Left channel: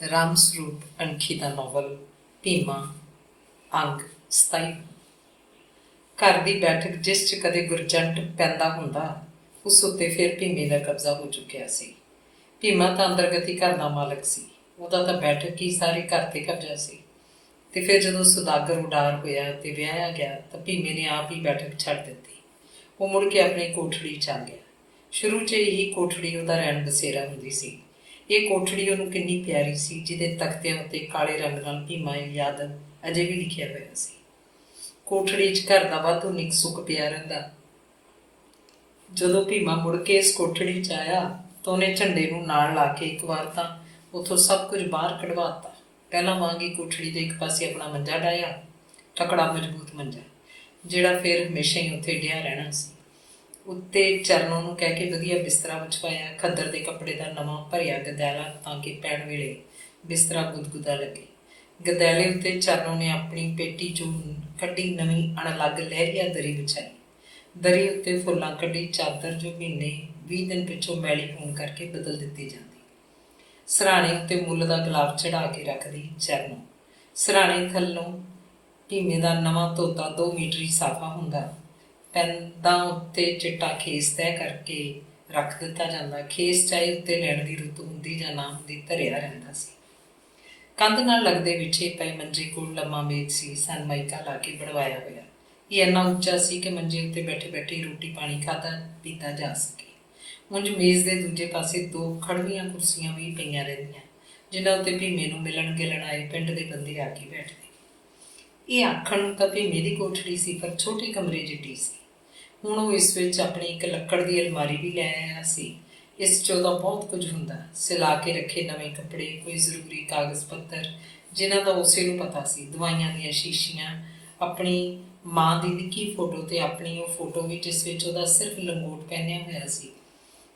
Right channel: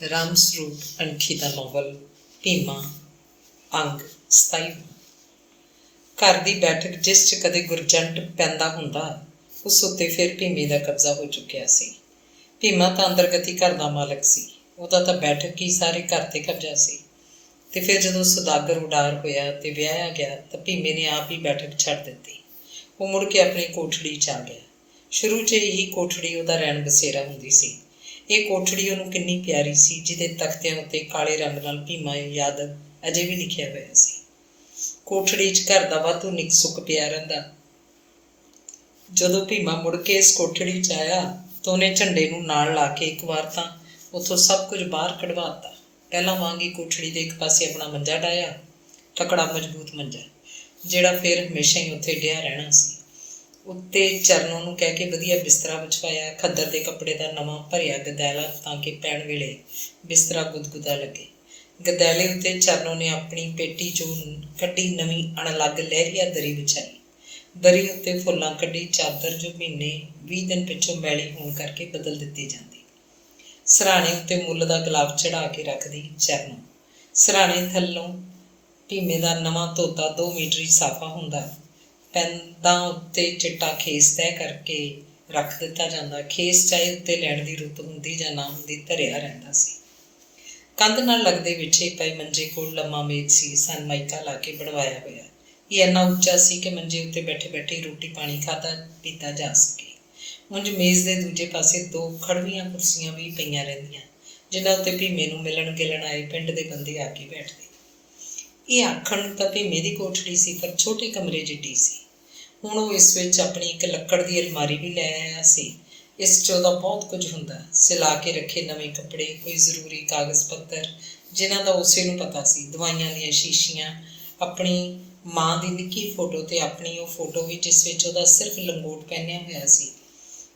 ਰਾਮ ਸਰੂਪ ਅਣਖੀ ਦਾ novel Bhima ਅੰਗ 27। ਘਰ ਦੀ ਬੈਠਕ ਜਿਸ 'ਚ ਕਦੇ ਗੁਰਜੰਟ ਪੈਂਦਾ ਹੁੰਦਾ, ਉਸ ਉੱਤੇ ਫਿਰ ਭੀਮੇ ਦਾ ਕਬਜ਼ਾ ਹੋ ਚੁੱਕਿਆ ਸੀ। ਭੀਮਾ ਤਾਂ ਅੰਦਰਗਤੀ ਘਰ ਦਾ ਮਾਲਕ ਸੀ, ਉਹਦਾ ਤਾਂ ਬੈਠਕ ਹੀ ਸਾਰੇ ਘਰ 'ਤੇ ਕਬਜ਼ਾ ਸੀ। ਅਤੇ ਫਿਰ ਜਦੋਂ ਸੁਦਾਗਰ ਉਡਾਰ ਹੋਇਆ ਅਤੇ ਵਿਆਹਿਆ ਗਿਆ ਤਾਂ ਭੀਮੇ ਨੇ ਆਪ ਹੀ ਬੈਠਕ ਛੱਡ ਦਿੱਤੀ। ਉਹ ਮੁੜ ਕੇ ਆਪਣੀ ਕੋਠੜੀ 'ਚ ਆ ਗਿਆ। ਸ਼ੁਰੂ 'ਚ ਇਹੀ ਕੋਠੜੀ ਉਹਦਾ ਰਹਿਣ ਬਸੇਰਾ ਹੁੰਦੀ ਸੀ। ਇਹ ਕੋਠੜੀ ਉਹਨੂੰ ਕਿੰਨੀ ਪਿਆਰੀ ਸੀ, ਜਿਹਦੇ ਤਖਤਿਆਂ ਉੱਤੇ ਕਾਲੇ ਰੰਗ ਨਾਲ ਭੀਮਾ ਯਾਦਵ ਅਜੇ ਵੀ ਲਿਖਿਆ ਹੋਇਆ ਸੀ। ਕੋਠੜੀ 'ਚ ਘਰ ਦਾ ਵਾਧੂ ਨਿੱਕ ਸੁੱਕ ਪਿਆ ਰਹਿੰਦਾ। ਜਦੋਂ ਭੀਮਾ ਮੁੜ ਕੇ ਇਸ ਕੋਠੜੀ 'ਚ ਆਇਆ ਤਾਂ ਉਹਨੇ ਝੰਡੇ ਨੂੰ ਨਾਲ ਲਾ ਕੇ ਇੱਕ ਵਾਰ ਤਾਂ ਉੱਥੋਂ ਸਭ ਕੁਝ ਬਾਹਰ ਕਢਵਾ ਦਿੱਤਾ। ਪਹਿਲਾਂ ਵਾਂਗ ਹੀ ਕੋਠੜੀ ਦੇ ਇੱਕ ਪਾਸੇ ਆਪਣਾ ਮੰਜਾ ਡਾਹਿਆ, ਤਕੜਾ ਮਜ਼ਬੂਤ ਮੰਜਾ, ਜਿਹੜਾ ਫਿਰ ਹਮੇਸ਼ਾ ਹੀ ਉੱਥੇ ਡਿਆ ਰਹਿਣਾ ਸੀ। ਉੱਤੇ ਚਰਨੋਂ ਨੂੰ ਕਹਿ ਕੇ ਵਧੀਆ ਬਿਸਤਰਾ ਵਿਛਵਾਇਆ, ਖੱਦਰ ਦੇ ਕੱਪੜੇ ਦਾ ਨਵਾਂ ਭਰਿਆ ਗਦੈਲਾ ਤਾਂ ਕਿ ਪੈਣ ਵੇਲੇ ਬਿਸਤਰਾ ਗੁਦਗੁਦਾ ਲੱਗੇ। ਗਦੈਲੇ ਉੱਤੇ ਚਰਨੋਂ ਨੇ ਆਪਣੀ ਪੇਟੀ 'ਚੋਂ ਕੱਢੀ ਨਵੀਂ ਅਣਅਲੱਗ ਲਹਿਰੀਆ ਦਰੀ ਵਿਛਾਈ। ਦਰੀ ਉੱਤੇ ਫੁੱਲਾਂ ਕੱਢੀ ਚਾਦਰ ਜੋ ਮਹੀਨੇ 20 ਦਿਨ ਪਿੱਛੋਂ ਮੈਲੀ ਹੋਣ ਕਰਕੇ ਬਦਲ ਦਿੱਤੀ ਜਾਂਦੀ। ਸਿਰਹਾਣੇ ਉੱਤੇ ਮੁੱਲ ਦਾ ਗੁਲਾਬ ਚੜ੍ਹਾ ਕੇ ਰੱਖਦੀ ਚਰਨੋਂ। ਸਿਰਹਾਣੇ ਥੱਲੋਂ ਭੀਮੇ ਦਾ ਨਵਾਂ ਧੋਤਾ 2 ਮੀਟਰੀ ਸਾਫਾ ਹੁੰਦਾ। ਪੈਂਦਾਂ ਉੱਤੇ ਚਿੱਟਾ ਖੇਸ ਤੈਅ ਕਰਕੇ ਰੱਖ ਦਿੱਤਾ ਜਾਂਦਾ। ਖੇਸ ਚਾਹੇ ਉੱਤੇ ਲੈਣ ਦੀ ਰੁੱਤ ਹੁੰਦੀ ਜਾਂ ਨਾ ਹੁੰਦੀ, ਧਰਿਆ ਰਹਿੰਦਾ ਸੀ। ਕੰਧ ਨਾਲ ਲੱਗਦੇ ਵਿਛੇ ਪਏ ਮੰਜੇ ਕੋਲ ਲੰਮਾ ਮੇਜ਼ ਸੀ, ਸਨਮਾਈਕਾ ਲਾ ਕੇ ਬਣਵਾਇਆ ਹੋਇਆ। ਇਹ ਇੰਨਾ ਉੱਚਾ ਸੀ ਕਿ ਮੰਜੇ ਉੱਤੇ ਬੈਠੇ ਬੈਠੇ ਰੋਟੀ ਪਾਣੀ ਖਾਧਾ ਪੀਤਾ ਜਾ ਸਕੇ। ਉਂਝ ਮੇਜ਼ ਦੇ ਦੂਜੇ ਪਾਸੇ 2 ਖੜਵੀਆਂ ਕੁਰਸੀਆਂ ਵੀ ਪਈਆਂ ਰਹਿੰਦੀਆਂ, ਜਿਨ੍ਹਾਂ ਉੱਤੇ ਭੀਮੇ ਨੂੰ ਮਿਲਣ ਗਿਲਣ ਆਏ ਪਿੰਡ ਦੇ ਬੰਦੇ ਆ ਕੇ ਬੈਠਦੇ। ਇਹ ਆਖਣ ਨੂੰ ਤਾਂ ਭੀਮੇ ਦੀ ਕੋਠੜੀ ਸੀ, ਪਰ ਛੋਟੇ ਕਮਰੇ ਜਿੱਡੀ ਸੀ। ਹੁਣ ਉਹ ਇਸ ਵਿੱਚ ਆਪਣੀ ਇੱਕ ਲੱਕੜ ਦੀ ਅਲਮਾਰੀ ਵੀ ਲੈ ਆਇਆ ਸੀ। ਇਸ 'ਚ ਉਹਦਾ ਬਹੁਤ ਕੁਝ ਹੁੰਦਾ, ਸਿਲਾ ਕੇ ਰੱਖੇ ਨਵੇਂ ਕੱਪੜੇ, ਕੋਈ ਜ਼ਰੂਰੀ ਕਾਗਜ਼ ਪੱਤਰ ਜਿਨ੍ਹਾਂ ਦਾ ਉਸੇ ਨੂੰ ਪਤਾ ਸੀ, ਦਵਾਈਆਂ ਦੀਆਂ ਸ਼ੀਸ਼ੀਆਂ, ਆਪਣੀ ਮਾਂ ਦੀ ਨਿੱਕੀ ਫੋਟੋ ਅਤੇ ਆਪਣੀ ਉਹ ਫੋਟੋ ਵੀ ਜਿਸ ਵਿੱਚ ਉਹਦਾ ਸਿਰਫ ਲੰਗੋਟ ਪਹਿਨਿਆ ਹੋਇਆ ਸੀ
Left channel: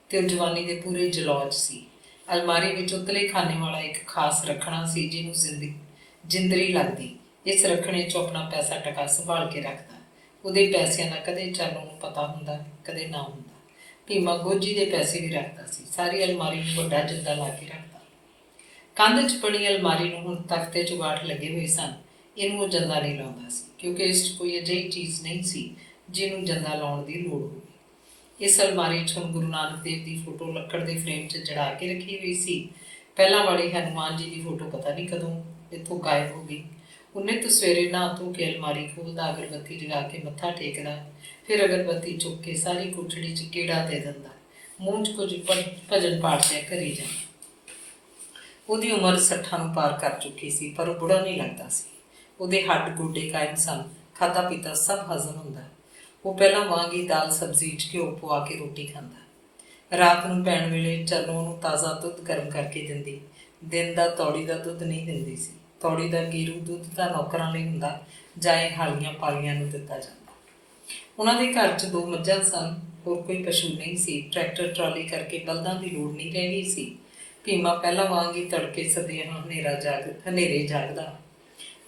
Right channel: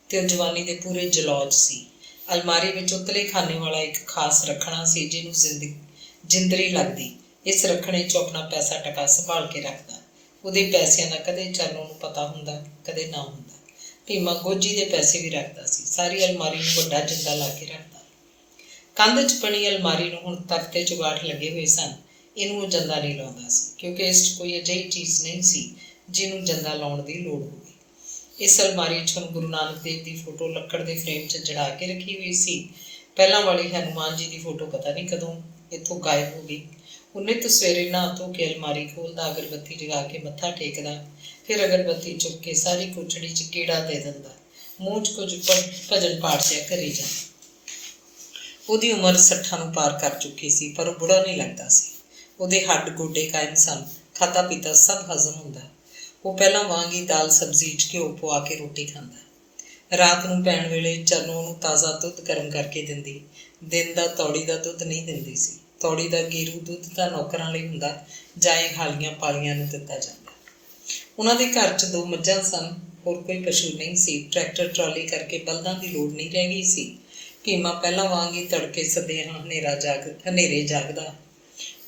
ਅਤੇ ਉਹ ਜਵਾਨੀ ਦੇ ਪੂਰੇ ਜਲੌਜ ਸੀ। ਅਲਮਾਰੀ ਵਿੱਚ ਉਤਲੇ ਖਾਨੇ ਵਾਲਾ ਇੱਕ ਖਾਸ ਰੱਖਣਾ ਸੀ, ਜਿਹਨੂੰ ਜਿੰਦਰੀ ਲੱਗਦੀ। ਇਸ ਰੱਖਣੇ 'ਚੋਂ ਆਪਣਾ ਪੈਸਾ ਟਕਾ ਸੰਭਾਲ ਕੇ ਰੱਖਦਾ। ਉਹਦੇ ਪੈਸਿਆਂ ਦਾ ਕਦੇ ਚਰਨੋਂ ਨੂੰ ਪਤਾ ਹੁੰਦਾ, ਕਦੇ ਨਾ ਹੁੰਦਾ। ਭੀਮਾ ਗੋਜੀ ਦੇ ਪੈਸੇ ਵੀ ਰੱਖਦਾ ਸੀ। ਸਾਰੀ ਅਲਮਾਰੀ ਨੂੰ ਵੱਡਾ ਜਿੰਦਾ ਲਾ ਕੇ ਰੱਖਦਾ। ਕੰਧ 'ਚ ਬਣੀ ਅਲਮਾਰੀ ਨੂੰ ਹੁਣ ਤਖਤੇ ਚੁਗਾਠ ਲੱਗੇ ਹੋਏ ਸਨ। ਇਹਨੂੰ ਉਹ ਜੰਦਾ ਨਹੀਂ ਲਾਉਂਦਾ ਸੀ, ਕਿਉਂਕਿ ਇਸ 'ਚ ਕੋਈ ਅਜਿਹੀ ਚੀਜ਼ ਨਹੀਂ ਸੀ ਜਿਹਨੂੰ ਜੰਦਾ ਲਾਉਣ ਦੀ ਲੋੜ ਹੋਵੇ। ਇਸ ਅਲਮਾਰੀ 'ਚ ਹੁਣ ਗੁਰੂ ਨਾਨਕ ਦੇਵ ਦੀ ਫੋਟੋ ਲੱਕੜ ਦੇ ਫਰੇਮ 'ਚ ਜੜਾ ਕੇ ਰੱਖੀ ਹੋਈ ਸੀ। ਪਹਿਲਾਂ ਵਾਲੀ ਹਨੂੰਮਾਨ ਜੀ ਦੀ ਫੋਟੋ ਪਤਾ ਨਹੀਂ ਕਦੋਂ ਇੱਥੋਂ ਗਾਇਬ ਹੋ ਗਈ। ਉਹਨੇ ਤਾਂ ਸਵੇਰੇ ਨਹਾ ਧੋ ਕੇ ਅਲਮਾਰੀ ਖੋਲ੍ਹਦਾ, ਅਗਰਬੱਤੀ ਜਗਾ ਕੇ ਮੱਥਾ ਟੇਕਦਾ, ਫਿਰ ਅਗਰਬੱਤੀ ਚੁੱਕ ਕੇ ਸਾਰੀ ਕੋਠੜੀ 'ਚ ਗੇੜਾ ਦੇ ਦਿੰਦਾ, ਮੂੰਹ 'ਚ ਕੁਝ ਭਜਨ ਪਾਠ ਜਿਹਾ ਕਰੀ ਜਾਂਦਾ। ਉਹਦੀ ਉਮਰ 60 ਨੂੰ ਪਾਰ ਕਰ ਚੁੱਕੀ ਸੀ, ਪਰ ਉਹ ਬੁੜਾ ਨਹੀਂ ਲੱਗਦਾ ਸੀ। ਉਹਦੇ ਹੱਡ ਗੋਡੇ ਕਾਇਮ ਸਨ, ਖਾਧਾ ਪੀਤਾ ਸਭ ਹਜ਼ਮ ਹੁੰਦਾ। ਉਹ ਪਹਿਲਾਂ ਵਾਂਗ ਹੀ ਦਾਲ ਸਬਜ਼ੀ 'ਚ ਘਿਓ ਪਵਾ ਕੇ ਰੋਟੀ ਖਾਂਦਾ। ਰਾਤ ਨੂੰ ਪੈਣ ਵੇਲੇ ਚਰਨੋਂ ਉਹਨੂੰ ਤਾਜ਼ਾ ਦੁੱਧ ਗਰਮ ਕਰਕੇ ਦਿੰਦੀ। ਦਿਨ ਦਾ ਤੌੜੀ ਦਾ ਦੁੱਧ ਨਹੀਂ ਦਿੰਦੀ ਸੀ। ਤੌੜੀ ਦਾ ਗੀਰੂ ਦੁੱਧ ਤਾਂ ਨੌਕਰਾਂ ਲਈ ਹੁੰਦਾ, ਜਾਂ ਇਹ ਹਾਲੀਆਂ ਪਾਲੀਆਂ ਨੂੰ ਦਿੱਤਾ ਜਾਂਦਾ। ਉਹਨਾਂ ਦੇ ਘਰ 'ਚ 2 ਮੱਝਾਂ ਸਨ, ਹੋਰ ਕੋਈ ਪਸ਼ੂ ਨਹੀਂ ਸੀ। ਟਰੈਕਟਰ ਟਰਾਲੀ ਕਰਕੇ ਬਲਦਾਂ ਦੀ ਲੋੜ ਨਹੀਂ ਰਹਿ ਗਈ ਸੀ। ਭੀਮਾ ਪਹਿਲਾਂ ਵਾਂਗ ਹੀ ਤੜਕੇ ਸਦਿਆਂ ਹਨੇਰੇ ਜਾਗਦਾ।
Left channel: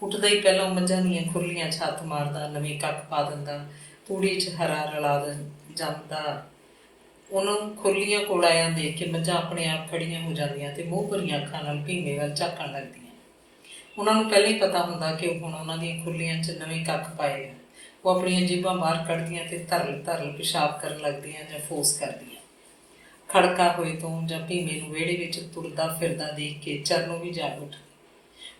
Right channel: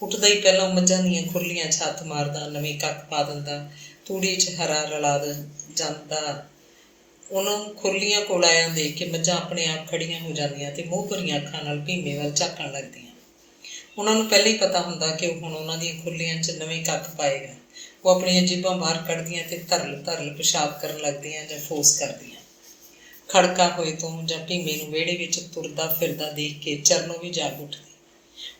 ਉੱਠਦਾ ਹੀ ਪਹਿਲਾਂ ਮੱਝਾਂ ਦੀਆਂ ਖੁਰਲੀਆਂ 'ਚ ਹੱਥ ਮਾਰਦਾ, ਨਵੇਂ ਕੱਖ ਪਾ ਦਿੰਦਾ, ਤੂੜੀ 'ਚ ਹਰਾ ਰਲਾ ਜਾਂਦਾ। ਉਹਨੂੰ ਖੁਰਲੀਆਂ ਕੋਲ ਆਇਆ ਦੇਖ ਕੇ ਮੱਝਾਂ ਆਪਣੇ ਆਪ ਖੜੀਆਂ ਹੋ ਜਾਂਦੀਆਂ ਅਤੇ ਮੂੰਹ ਭਰੀਆਂ ਅੱਖਾਂ ਨਾਲ ਭੀਮੇ ਵੱਲ ਝਾਕਣ ਲੱਗਦੀਆਂ। ਉਹਨਾਂ ਨੂੰ ਪਹਿਲਾਂ ਹੀ ਪਤਾ ਹੁੰਦਾ ਕਿ ਉਹ ਹੁਣ ਉਹਨਾਂ ਦੀਆਂ ਖੁਰਲੀਆਂ 'ਚ ਨਵੇਂ ਕੱਖ ਪਾਏਗਾ। ਉਹ ਆਪਣੀਆਂ ਜੇਬਾਂ ਬਾਹਰ ਕੱਢਦੀਆਂ ਅਤੇ ਧਰਲ ਪਿਸ਼ਾਬ ਕਰਨ ਲੱਗਦੀਆਂ ਜਾਂ ਫੋਸ ਕਰਦੀਆਂ। ਖੜਕਾ ਹੋਏ ਤੋਂ ਜਾਂ ਭੀਮੇ ਨੂੰ ਵਿਹੜੇ ਵਿੱਚ ਤੁਰਦਾ ਫਿਰਦਾ ਦੇਖ ਕੇ ਚਰਨੋਂ ਵੀ ਜਾਗ ਉੱਠਦੀ।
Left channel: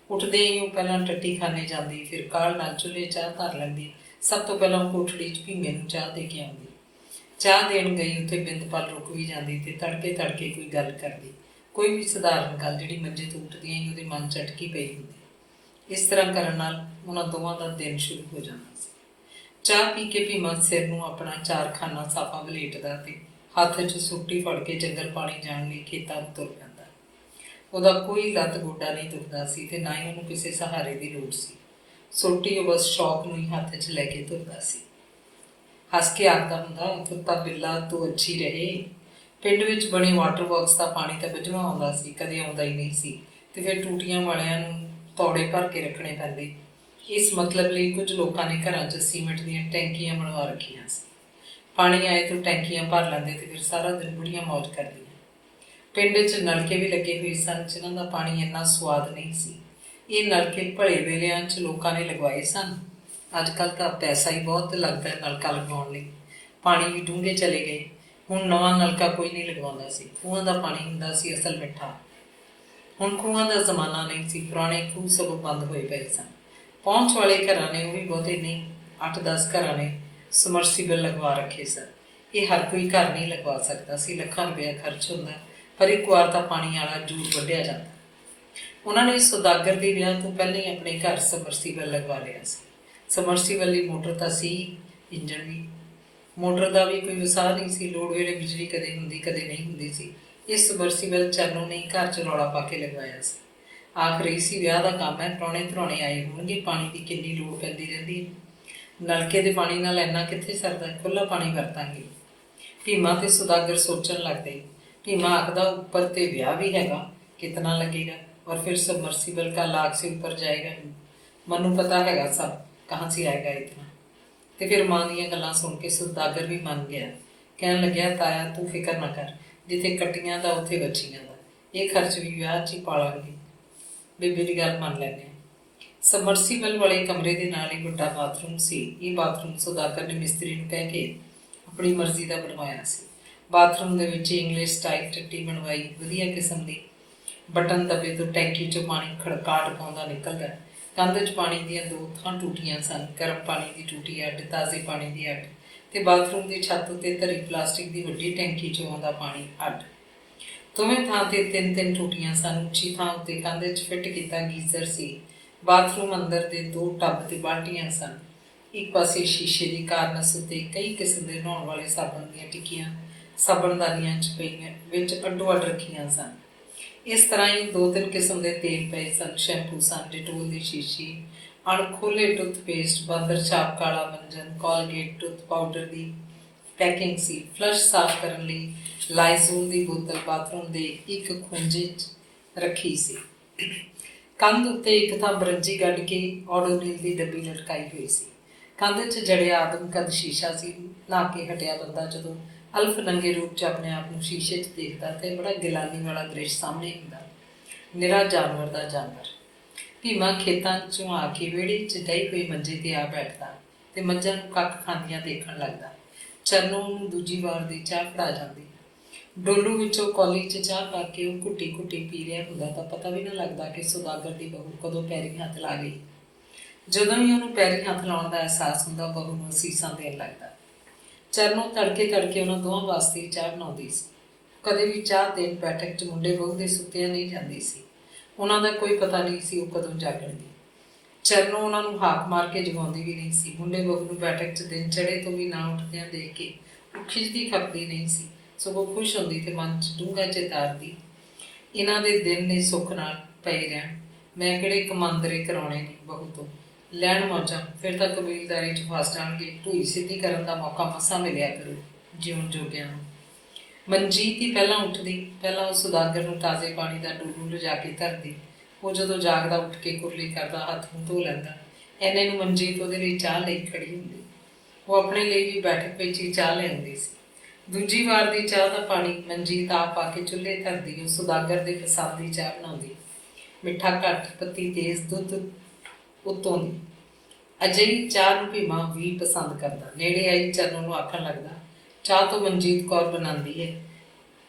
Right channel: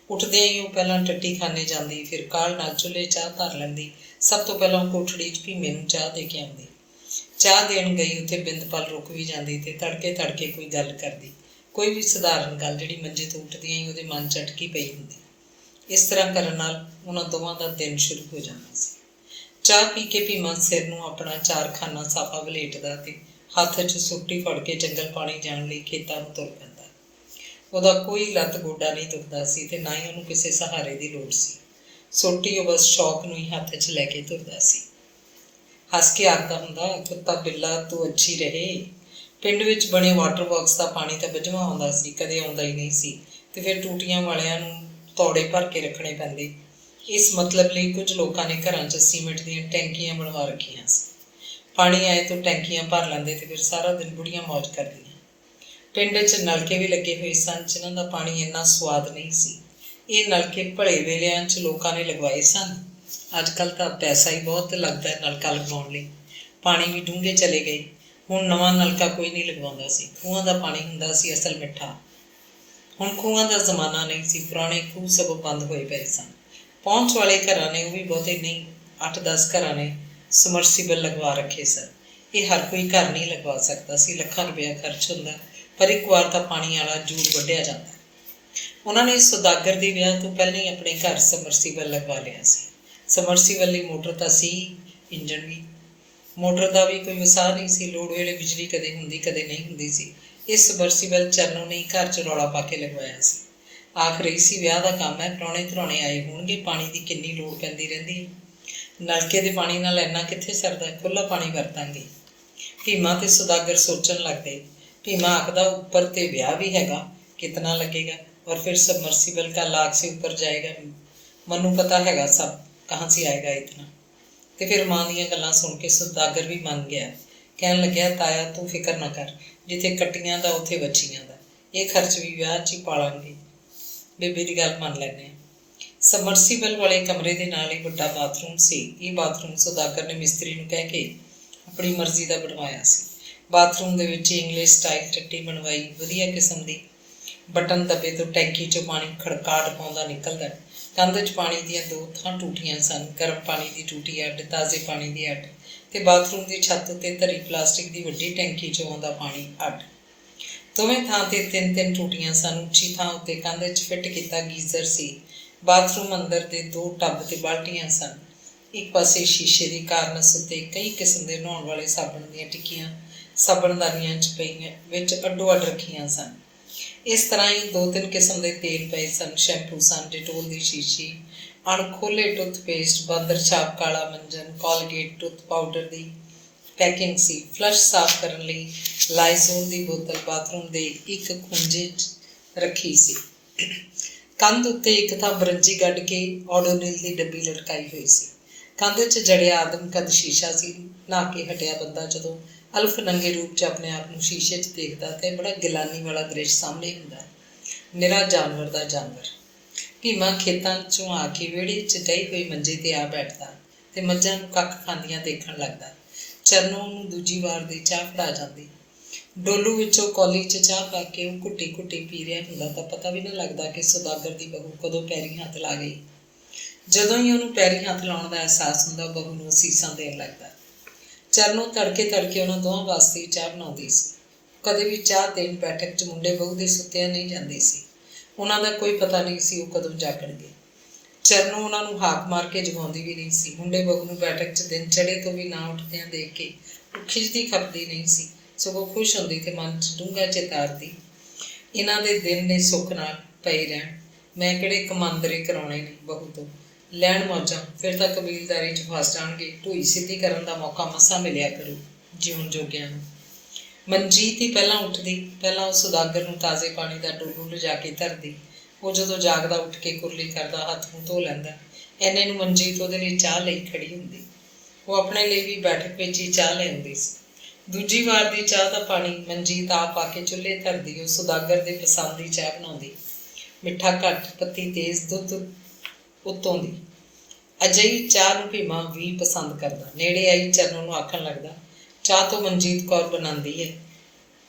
ਉੱਠਦਿਆਂ ਹੀ ਉਹ ਪਹਿਲਾਂ ਟੱਟੀ ਖਾਨੇ ਜਾਂਦੀ, ਫਿਰ ਕਾਹਲ ਨਾਲ ਚੁੱਲ੍ਹੇ ਚਾਹ ਧਰ ਲੈਂਦੀ। ਸਭ ਤੋਂ ਪਹਿਲਾਂ ਕੋਠੜੀ 'ਚ ਭੀਮੇ ਨੂੰ ਚਾਹ ਦੇ ਕੇ ਆਉਂਦੀ। ਚਾਹ ਦੇਣ ਗਈ ਉੱਥੇ ਬਿੰਦਪਾਲ ਰੁਕ ਵੀ ਜਾਂਦੀ ਅਤੇ ਤੜਕੇ ਕੋਈ ਗੱਲ ਕਰਦੀ, ਕੋਈ ਵੀ ਸਧਾਰਨ ਗੱਲ ਜਿਹੜੀ ਮੰਜੇ ਤੋਂ ਉੱਠਦਿਆਂ ਹੀ ਉਹਦੇ ਮਨ 'ਚ ਅਟਕੀ ਪਈ ਹੁੰਦੀ। ਇਸ ਤਰ੍ਹਾਂ ਕਰਨ ਨਾਲ ਉਹਨਾਂ ਦੋਵਾਂ ਦਾ ਦਿਨ ਸ਼ੁਰੂ ਹੋ ਜਾਂਦਾ ਸੀ। ਚਾਹ ਪੀ ਕੇ ਭੀਮਾ ਸਿਰ ਨੂੰ ਆਪਣਾ 4 ਸਾਫਾ ਵਲੇਟਦਾ ਅਤੇ ਹੱਥ 'ਚ ਸੋਟੀ ਫੜ ਕੇ ਜੰਗਲ ਪਾਣੀ ਜਾਣ ਲਈ ਖੇਤਾਂ ਨੂੰ ਤੁਰ ਪੈਂਦਾ। ਉਹਦਾ ਕੋਈ ਲੱਤ ਗੋਡਾ ਨਹੀਂ ਦੁਖਦਾ ਸੀ ਅਤੇ ਨਾ ਹੀ ਉਹਨੂੰ ਕਿਸੇ ਸਹਾਰੇ ਦੀ ਲੋੜ ਸੀ। ਸੋਟੀ ਉਹ ਬਸ ਸ਼ੌਕ ਨੂੰ ਹੀ ਹੱਥ 'ਚ ਲੈ ਕੇ ਤੁਰਦਾ ਸੀ। ਹੱਸ ਕੇ ਆਖਦਾ ਹੁੰਦਾ, ਕੁੱਤਾ ਬਿੱਲਾ ਤੂੰ ਅੱਛੀ ਰਹੇ। ਪਿੰਡ ਵਿੱਚ ਬਣੇ ਵਾਟਰ ਵਰਕਸ ਦਾ ਪਾਣੀ ਤਾਂ ਬੱਝਵਾਂ ਆਉਂਦਾ ਸੀ, ਕਦੇ ਆਉਂਦਾ ਹੀ ਨਹੀਂ ਸੀ, ਅਤੇ ਫਿਰ ਟੂਟੀਆਂ ਵਾਲਿਆਂ ਨੂੰ ਤੌੜੇ ਭਰ ਕੇ ਰੱਖਣੇ ਪੈਂਦੇ। ਇਸ ਮਤਲਬ ਲਈ ਕੁਝ ਲੋਕਾਂ ਨੇ ਘਰਾਂ 'ਚ ਸੀਮੈਂਟ ਦੀਆਂ ਟੈਂਕੀਆਂ ਬਣਵਾ ਰੱਖੀਆਂ ਸੀ। ਪਾਣੀ ਆਏ ਤੋਂ ਟੈਂਕੀਆਂ ਭਰ ਲੈਂਦੇ ਅਤੇ ਫਿਰ ਸਾਰਾ ਦਿਨ ਬੁੜੀਆਂ ਮੌਜ ਕਰਦੀਆਂ। ਪਿੰਡ 'ਚ ਨਲਕੇ ਵੀ ਲੱਗੇ ਹੋਏ ਸਨ ਜਿਨ੍ਹਾਂ ਦਾ ਪਾਣੀ ਇੰਨਾ ਸਵਾਦ ਨਹੀਂ ਸੀ। ਇਹ ਨਲਕੇ ਭਲੇ ਵੇਲਿਆਂ 'ਚ ਲੋਕਾਂ ਨੇ ਲਗਵਾਏ ਸਨ। ਅੱਜ ਕੱਲ੍ਹ ਤਾਂ ਪੈਸਾ ਹੀ ਬਹੁਤ ਲੱਗਦਾ ਨਲਕਾ ਲਗਵਾਉਣ ਲਈ। ਪਾਣੀ ਵੀ ਡੂੰਘੇ ਚਲੇ ਗਏ। ਹੁਣ ਨਵਾਂ ਨਲਕਾ ਕੋਈ ਨਹੀਂ ਲਗਵਾਉਂਦਾ ਸੀ। ਖੂਹਾਂ ਦਾ ਪਾਣੀ ਹੁੰਦਾ ਸੀ ਅਸਲ ਮਿੱਠਾ। ਹੁਣ ਖੂਹਾਂ ਦਾ ਜ਼ਮਾਨਾ ਨਹੀਂ ਸੀ। ਪੁਰਾਣੇ ਖੂਹ ਸਗੋਂ ਬੰਦ ਹੋਏ ਪਏ ਸਨ। ਪਹੁੰਚ ਵਾਲੇ ਘਰਾਂ ਨੇ, ਉਹ ਵੀ ਬਹੁਤੇ ਨਹੀਂ, 8-10 ਘਰਾਂ ਨੇ ਸਮਰਸੀਬਲ ਲਗਵਾ ਰੱਖੇ ਸਨ। ਇਹ ਹਰ ਕੋਈ ਘਰ ਨਹੀਂ ਲਗਵਾ ਸਕਦਾ ਸੀ। ਲੱਖਾਂ ਰੁਪਇਆ ਖਰਚ ਹੁੰਦਾ, ਪਰ ਇੱਕ ਵਾਰ ਤਾਂ ਪਾਣੀ ਵਾਲਾ ਜੂੜ ਵੱਢਿਆ ਜਾਂਦਾ। ਉਹਨਾਂ ਨੇ ਸੌਦਾਗਰ ਦੇ ਵਿਆਹ ਤੋਂ ਪਹਿਲਾਂ ਹੀ ਆਪਣੇ ਘਰ ਸਮਰਸੀਬਲ ਲਗਵਾ ਲਿਆ ਸੀ। ਸਮਰਸੀਬਲ ਲਈ ਮੋਟਰ ਤਾਂ ਸੀ, ਇੰਜਣ ਵੀ। ਮੋਟਰ ਦਾ ਵੀ ਕੋਈ ਵਸਾਹ ਨਹੀਂ ਸੀ। ਲੋੜ ਵੇਲੇ ਬਿਜਲੀ ਕਦੇ ਹੁੰਦੀ ਕਦੇ ਨਹੀਂ ਹੁੰਦੀ ਸੀ। ਇਸ ਸਮਰਸੀਬਲ ਚਰਨੋਂ ਨੇ ਘਰ 'ਚ ਰੌਲਾ ਪਾ ਕੇ ਲਗਵਾਇਆ ਸੀ। ਆਖ ਰਹੀ ਸੀ, ਵਿਆਹ ਦਾ ਕੰਮ ਹੈ, ਪ੍ਰਾਹੁਣੇ ਧਰਾਉਣੇ ਆਏ ਹੋਣਗੇ, ਪਾਣੀ ਦੀ ਕਿੰਨੀ ਲੋੜ ਪੈਂਦੀ ਰਹਿੰਦੀ ਹੈ। ਨਲਕੇ ਦੇ ਪਾਣੀ ਨਾਲ ਇੰਨਾ ਕਿੱਥੇ ਸਰਦਾ, ਖੁੱਲ੍ਹਾ ਪਾਣੀ ਵਰਤਾਂਗੇ। ਭੀਮਾ ਤੇ ਸੌਦਾਗਰ ਸੋਚਣ ਲੱਗਦੇ। ਭੀਮਾ ਆਖਦਾ, ਉੱਪਰ ਤੇ ਵਿਆਹ ਵੀ ਹੈਗਾ, ਕਿਤਨਾ लगेगा, और फिर सबमर्सिबल का लाख से ऊपर जाएगा। मनु पता हैगा सब, कहाँ से आएगा इतना। तो फिर माँ ਦੀਆਂ ਗੱਲਾਂ ਸੁਣ ਕੇ ਸੌਦਾਗਰ ਵੀ ਮੰਨ ਗਿਆ। ਕਹਿਣ ਲੱਗਿਆ, ਤਾਇਆ ਤੂੰ ਫਿਕਰ ਨਾ ਕਰ, ਜਿੱਥੇ ਕੱਟੀਆਂ ਦਾ ਉੱਥੇ ਵੱਛੀਆਂ ਦਾ। ਇਹ ਖਰਚ ਵੀ ਵਿਆਹ 'ਚ ਹੀ ਪਾਲਾਂਗੇ। ਬੇਬੇ ਦੀ ਗੱਲ ਮੰਨ ਲੈਂਦੇ ਹਾਂ। ਸਮਰਸੀਬਲ ਵਾਲੇ ਕਮਰੇ ਦੇ ਨਾਲ ਹੀ ਵੱਡਾ ਬਾਥਰੂਮ ਸੀ। ਇਹ ਬਾਥਰੂਮ ਸੌਦਾਗਰ ਨੇ ਮਿਸਤਰੀ ਨੂੰ ਕਹਿ ਕੇ ਆਪਣੀ ਮਰਜ਼ੀ ਦਾ ਬਣਵਾਇਆ ਸੀ। ਬਾਥਰੂਮ ਦੇ ਵਿੱਚ ਇੰਗਲਿਸ਼ ਸਟਾਈਲ ਟੱਟੀ ਬਣਵਾਈ, ਵਧੀਆ ਕਿਸਮ ਦੀ। ਬਟਨ ਦੱਬੇ ਤੋਂ ਟੈਂਕੀ 'ਚੋਂ ਪਾਣੀ ਖੜਕਾਟ ਪਾਉਂਦਾ ਨਿਕਲਦਾ। ਕੰਧ 'ਚ ਪਾਣੀ ਦੀਆਂ 2 ਥਾਂ ਟੂਟੀਆਂ ਸਨ। ਗਰਮ ਪਾਣੀ ਦੀ ਟੂਟੀ ਅੱਡ, ਤਾਜ਼ੇ ਪਾਣੀ ਦੀ ਅੱਡ, ਅਤੇ ਬਾਥਰੂਮ ਦੀ ਛੱਤ ਉੱਤੇ ਧਰੀ ਪਲਾਸਟਿਕ ਦੀ ਵੱਡੀ ਟੈਂਕੀ 'ਚੋਂ ਆਉਂਦਾ ਪਾਣੀ ਅੱਡ। ਦੋਵੇਂ ਥਾਂ 'ਤੇ 3-3 ਟੂਟੀਆਂ ਸਨ। ਉੱਚੀ ਥਾਂ ਉੱਤੇ ਕੰਧ 'ਚ ਫਿੱਟ ਕੀਤਾ ਗੀਜ਼ਰ ਸੀ। ਬਾਥਰੂਮ ਅੰਦਰ ਦੇ 2 ਟੱਬ ਅਤੇ ਬਾਲਟੀਆਂ ਸਨ। ਇੱਕ ਪਾਸੇ ਸ਼ੀਸ਼ੇ ਦੀ ਕਾਰਨਸ ਉੱਤੇ ਕਈ ਕਿਸਮ ਦੇ ਨਹਾਉਣ ਵਾਲੇ ਸਾਬਣ ਦੀਆਂ ਟਿੱਕੀਆਂ ਸਾਬਣਦਾਨੀਆਂ 'ਚ ਪਈਆਂ ਵਿੱਚ ਅੱਡੋ ਅੱਡ ਰੱਖੀਆਂ ਸਨ। ਇਸ ਤਰ੍ਹਾਂ ਹੀ 2-3 ਕਿਸਮ ਦੇ ਤੇਲ ਪਏ ਸਨ। ਸ਼ੈਂਪੂ ਸਨ, ਡਿਟੋਲ ਦੀ ਸ਼ੀਸ਼ੀ, ਅਣਖੋਲੇ ਟੁੱਥਪੇਸਟ, ਬਾਂਦਰ ਛਾਪ, ਕਾਲਾ ਮੰਜਨ, ਕੋਲਗੇਟ ਟੁੱਥ ਪਾਊਡਰ ਦੀ ਪੈਕਿੰਗ ਸੀ। ਫਲਸ਼ ਸਾਫ਼ ਕਰਨ ਲਈ ਲਾਈਜ਼ੋਲ ਦੀ ਬੋਤਲ ਬਾਥਰੂਮ ਦੇ ਇੱਕ ਖੂੰਜੇ 'ਚ ਰੱਖੀ ਸੀ। ਕੰਧ ਉੱਤੇ ਇੱਕ ਥਾਂ ਬਰੰਜੀ ਕੱਢ ਕੇ ਓਡੋਨਿਲ ਦੀ ਡੱਬੀ ਲਟਕਾਈ ਹੋਈ ਸੀ। ਕੰਧ 'ਚ ਜੜਿਆ ਆਦਮਕਦ ਸ਼ੀਸ਼ਾ ਸੀ। ਨਹਾ ਕੇ ਹਟਿਆ ਬੰਦਾ ਜਦੋਂ ਅਲਫ ਨੰਗੇ ਰੂਪ 'ਚ ਆਪਣੇ ਆਪ ਨੂੰ ਸ਼ੀਸ਼ੇ 'ਚ ਦੇਖਦਾ ਤੇ ਬੜਾ ਗਿਲਾਨੀ ਵਾਲਾ ਦ੍ਰਿਸ਼ ਸਾਹਮਣੇ ਹੁੰਦਾ। ਨਿਰਾ ਜਾਨਵਰ ਦਾ ਜਾਨਵਰ। ਭੀਮਾ ਖੇਤਾਂ 'ਚੋਂ ਆ ਕੇ ਵਿਹੜੇ 'ਚ ਡਹੀ ਹੋਈ ਮੰਜੇ 'ਤੇ ਆ ਬੈਠਦਾ ਅਤੇ ਮੱਝਾਂ ਨੂੰ ਕੱਖ ਖਾਂਦੀਆਂ ਦੇਖਣ ਲੱਗਦਾ। ਚਰਨੋਂ ਉਹਨੂੰ ਦੂਜੀ ਵਾਰ ਦੀ ਚਾਹ ਫੜਾ ਜਾਂਦੀ। ਡੋਲੂ ਵਿੱਚੋਂ ਕੌਲੀ 'ਚ ਚਾਹ ਪਾ ਕੇ ਉਹ ਘੁੱਟੀ ਘੁੱਟੀ ਪੀ ਰਿਹਾ ਹੁੰਦਾ ਤਾਂ ਪਤਾ ਵੀ ਨਾ ਲੱਗਦਾ ਕਿ ਸੌਦਾਗਰ ਦੀ ਬਹੂ ਕਦੋਂ ਪੈਰੀਂ ਹੱਥ ਲਾ ਗਈ। ਜਦੋਂ ਹੀ ਉਹਨੂੰ ਪੈਰੀਂ ਹੱਥ ਲਾਉਣ ਦਾ ਅਹਿਸਾਸ ਹੁੰਦਾ, ਬਹੂ ਨੂੰ ਅਸੀਸਾਂ ਦੇਣ ਲੱਗਦਾ। ਚਰਨੋਂ ਤੜਕੇ ਤੜਕੇ ਉਹਨਾਂ ਦੋਹਾਂ ਵਾਸਤੇ ਚਾਹ ਬਣਾਉਂਦੀ ਸੀ। ਕਦੇ ਵੀ ਚਾਹ ਦੇਣ ਬੈਠਕ 'ਚ ਮੁੰਡੇ ਬਹੂ ਦੇ ਸੁੱਤਿਆਂ ਨਹੀਂ ਜਾਂਦੀ ਸੀ। ਉਹਨਾਂ ਦਾ ਕੋਈ ਪਤਾ ਨਹੀਂ ਸੀ ਉਹ ਕਦੋਂ ਜਾਗਣਗੇ। ਚਰਨੋਂ ਉਹਨਾਂ ਨੂੰ ਹਾਕ ਮਾਰ ਕੇ ਜਗਾਉਂਦੀ ਵੀ ਨਹੀਂ ਸੀ। ਮੁੰਡੇ ਬਹੂ ਨੂੰ ਬੈਠਕ 'ਚ ਦਿਨ ਚੜ੍ਹੇ ਤੋਂ ਵੀ ਨਾ ਉੱਠਦਿਆਂ ਦੇਖ ਕੇ ਉਹ ਖਿੱਚਦੀ ਖਪਦੀ ਨਹੀਂ ਸੀ, ਸਗੋਂ ਖੁਸ਼ ਹੁੰਦੀ ਅਤੇ ਮਨ 'ਚ ਡੂੰਘਾ ਚਿਤਾਰਦੀ, ਇਹਨਾਂ ਦੇ ਦਿਨ ਨੇ ਸੁੱਖ ਨਾਲ ਪਏ ਰਹਿਣ। ਮੈਂ ਕਿਹੜੇ ਕਮਾਂਦਰੇ ਕਰਾਉਣੇ ਨੇ ਬਹੂ ਤੋਂ, ਲੈਣ ਮੌਜਾਂ, ਫਿਰ ਤਾਂ ਕਬੀਲਦਾਰੀ 'ਚ ਫਸ ਜਾਣਗੇ। ਢੂਈ ਸਿੱਧੀ ਕਰਨ ਦਾ ਮੌਕਾ ਮਸਾਂ ਮਿਲਿਆ ਕਰੂ ਜਿਉਣ ਜੋਗਿਆਂ ਨੂੰ। ਮਨਜੀਤ ਹੀ ਪਹਿਲਾਂ ਉੱਠਦੀ। ਪਹਿਲਾਂ ਉਹ ਸੌਦਾਗਰ ਨੂੰ ਤਾਜ਼ੇ ਪਾਣੀ ਦਾ ਡੋਲੂ ਲਿਜਾ ਕੇ ਧਰਦੀ। ਉਹ ਜਦੋਂ ਜਾਗਦਾ ਉੱਠ ਕੇ ਕੁਰਲੀ ਕਰਦਾ, ਹੱਥ ਮੂੰਹ ਧੋ ਲੈਂਦਾ। ਇੰਨੇ ਨੂੰ ਮਨਜੀਤ ਉਹਦੇ ਲਈ ਚਾਹ ਲਈ ਖੜੀ ਹੁੰਦੀ। ਉਹ ਆਪਣੇ ਲਈ ਵੀ ਬੈਠਕ ਵਿੱਚ ਹੀ ਚਾਹ ਲਿਆਉਂਦੀ ਸੀ। ਦੂਜੀ ਵਾਰ ਦੀ ਚਾਹ ਦਾ ਪਾਣੀ ਮਨਜੀਤ ਆਪ ਆ ਕੇ ਚੁੱਲ੍ਹੇ ਧਰਦੀ। ਉਹ ਸੌਦਾਗਰ ਦੇ ਪਸੰਦ ਦੀ ਚਾਹ ਬਣਾਉਂਦੀ। ਮਿੱਠਾ ਘੱਟ, ਪੱਤੀ ਤੇਜ਼, ਦੁੱਧ ਉੱਤੋਂ ਦੀ। ਅਜਿਹੀ ਚਾਹ ਨੂੰ ਭੀਮਾ ਵੀ ਪਸੰਦ ਕਰਦਾ। ਨੇੜੇ ਆਈ ਚਰਨੋਂ ਨੂੰ ਆਖਣ ਲੱਗਦਾ, ਚਾਹ ਤੋਂ ਮਨਜੀਤ ਕੌਰ ਬਣਾਉਂਦੀ ਹੈ।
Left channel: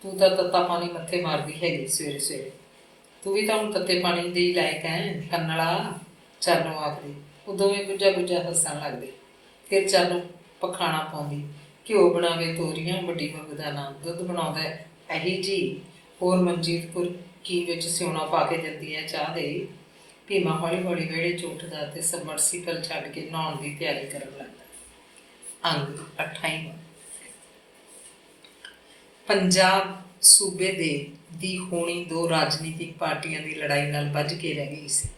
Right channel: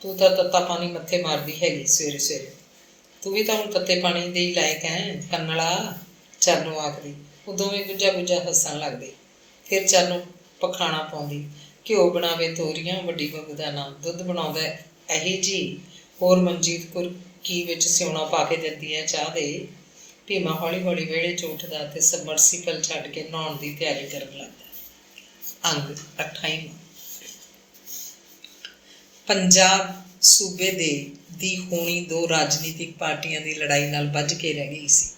ਤੂੰ ਤਾਂ ਤੱਤਾ ਪਾਣੀ ਮੱਥੇ ਮਾਰਦੀ ਹੈਗੀ ਸਵੇਰੇ ਸਵੇਰੇ। ਤੂੰ ਵੀ ਤਾਂ ਹੁਣ ਤੱਤੇ ਪਾਣੀ ਦੇ ਹੀ ਲਾਇਕ ਹੈ ਕੰਨਲਾ, ਚਰਨੋਂ ਆਖਦੀ। ਉਹ ਦੋਵੇਂ ਗੁੱਜਾ ਗੁੱਜਾ ਹੱਸਣ ਲੱਗਦੇ। ਫਿਰ ਚਰਨੋਂ ਪਖਾਣਾ ਪਾਉਂਦੀ, ਘਿਓ ਬਣਾਵੇ ਤੋਰੀਆਂ, ਵੱਡੀ ਬਹੂ ਦਾ ਨਾਂ, ਦੁੱਧ ਬਣਾਉਂਦਾ ਇਹੀ ਜੀ, ਹੋਰ ਮਨਜੀਤ ਕੁਰਕੀ ਵਿੱਚ ਸਿਉਣਾ ਪਾ ਕੇ ਦਿੰਦੀ ਹੈ ਚਾਹ ਦੇ। ਭੀਮਾ ਹੌਲੀ ਹੌਲੀ ਵਿਹੜੇ 'ਚ ਉੱਠਦਾ ਅਤੇ ਸਬਮਰਸੀਬਲ ਛੱਡ ਕੇ ਨਹਾਉਣ ਦੀ ਤਿਆਰੀ ਕਰਨ ਲੱਗਦਾ। ਅੰਗ 28ਵਾਂ। ਪੰਜਾਬ ਸੂਬੇ ਦੀ ਹੋਣੀ 2 ਰਾਜਨੀਤਿਕ ਪਾਰਟੀਆਂ ਦੀ ਲੜਾਈ ਨਾਲ ਬੱਝ ਕੇ ਰਹਿ ਗਈ ਸੀ।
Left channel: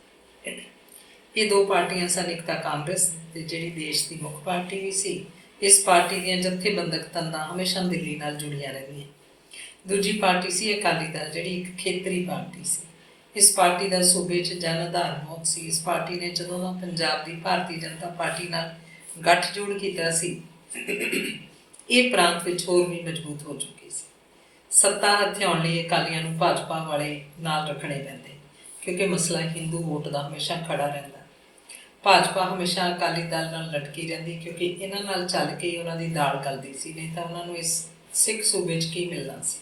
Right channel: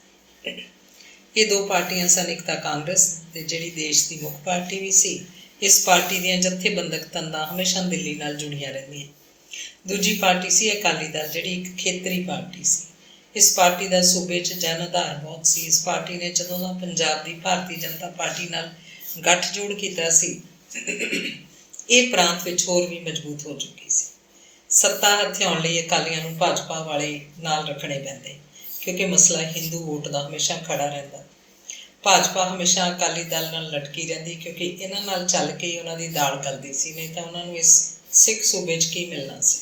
ਇਹ 2 ਪਾਰਟੀਆਂ ਸਨ। ਇੱਕ ਤਾਂ ਕਾਂਗਰਸ, ਤੇ ਜਿਹੜੀ ਦੇਸ਼ ਦੀ ਮੁੱਖ ਪਾਰਟੀ ਵੀ ਸੀ। ਇਸ ਪਾਰਟੀ ਦੀਆਂ ਜਥੇਬੰਦਕ ਤੰਦਾਂ ਹਮੇਸ਼ਾ ਦਿੱਲੀ ਨਾਲ ਜੁੜੀਆਂ ਰਹਿੰਦੀਆਂ। ਦੂਜੀ ਪਾਰਟੀ ਸੀ ਅਕਾਲੀ ਦਲ, ਜਿਹੜੀ ਇੱਕ ਖੇਤਰੀ ਪਾਰਟੀ ਸੀ। ਇਸ ਪਾਰਟੀ ਦਾ ਸੂਬੇ 'ਚ ਜਨ ਆਧਾਰ ਬਹੁਤ ਸੀ। ਇਸ ਪਾਰਟੀ ਨੇ ਜਦੋਂ ਦਾ ਪੰਜਾਬ ਦੀ ਭਾਰਤੀ ਜਨਤਾ ਪਾਰਟੀ ਨਾਲ ਗੱਠਜੋੜ ਕੀਤਾ ਸੀ, ਇਹ ਪ੍ਰਾਂਤ ਵਿੱਚ ਹੋਰ ਵੀ ਮਜ਼ਬੂਤ ਹੋ ਚੁੱਕੀ ਸੀ। ਸੱਤਾ ਹਥਿਆਉਣ ਲਈ ਅਕਾਲੀਆਂ ਨੂੰ ਭਾਜਪਾ ਵਾਲੇ ਨਾਲ ਰੱਖਣੇ ਪੈਂਦੇ, ਕਿਉਂਕਿ ਮਸਲਾ ਹਿੰਦੂ ਵੋਟ ਦਾ ਹਮੇਸ਼ਾ ਖੜਾ ਰਹਿੰਦਾ। ਭਾਜਪਾ ਹਮੇਸ਼ਾ ਅਕਾਲੀ ਦਲ ਨਾਲ ਲਟਕੀ ਰਹਿੰਦੀ, ਕਿਉਂਕਿ ਇਹਨਾਂ ਨਾਲ ਚੱਲ ਕੇ ਹੀ ਉਹਨਾਂ ਦੀ ਦਾਲ ਗਲਦੀ ਸੀ, ਨਹੀਂ ਤਾਂ ਉਹਨਾਂ ਨੂੰ ਇਸ ਸਿੱਖ ਸੂਬੇ 'ਚ ਕੀ ਮਿਲਣਾ ਸੀ।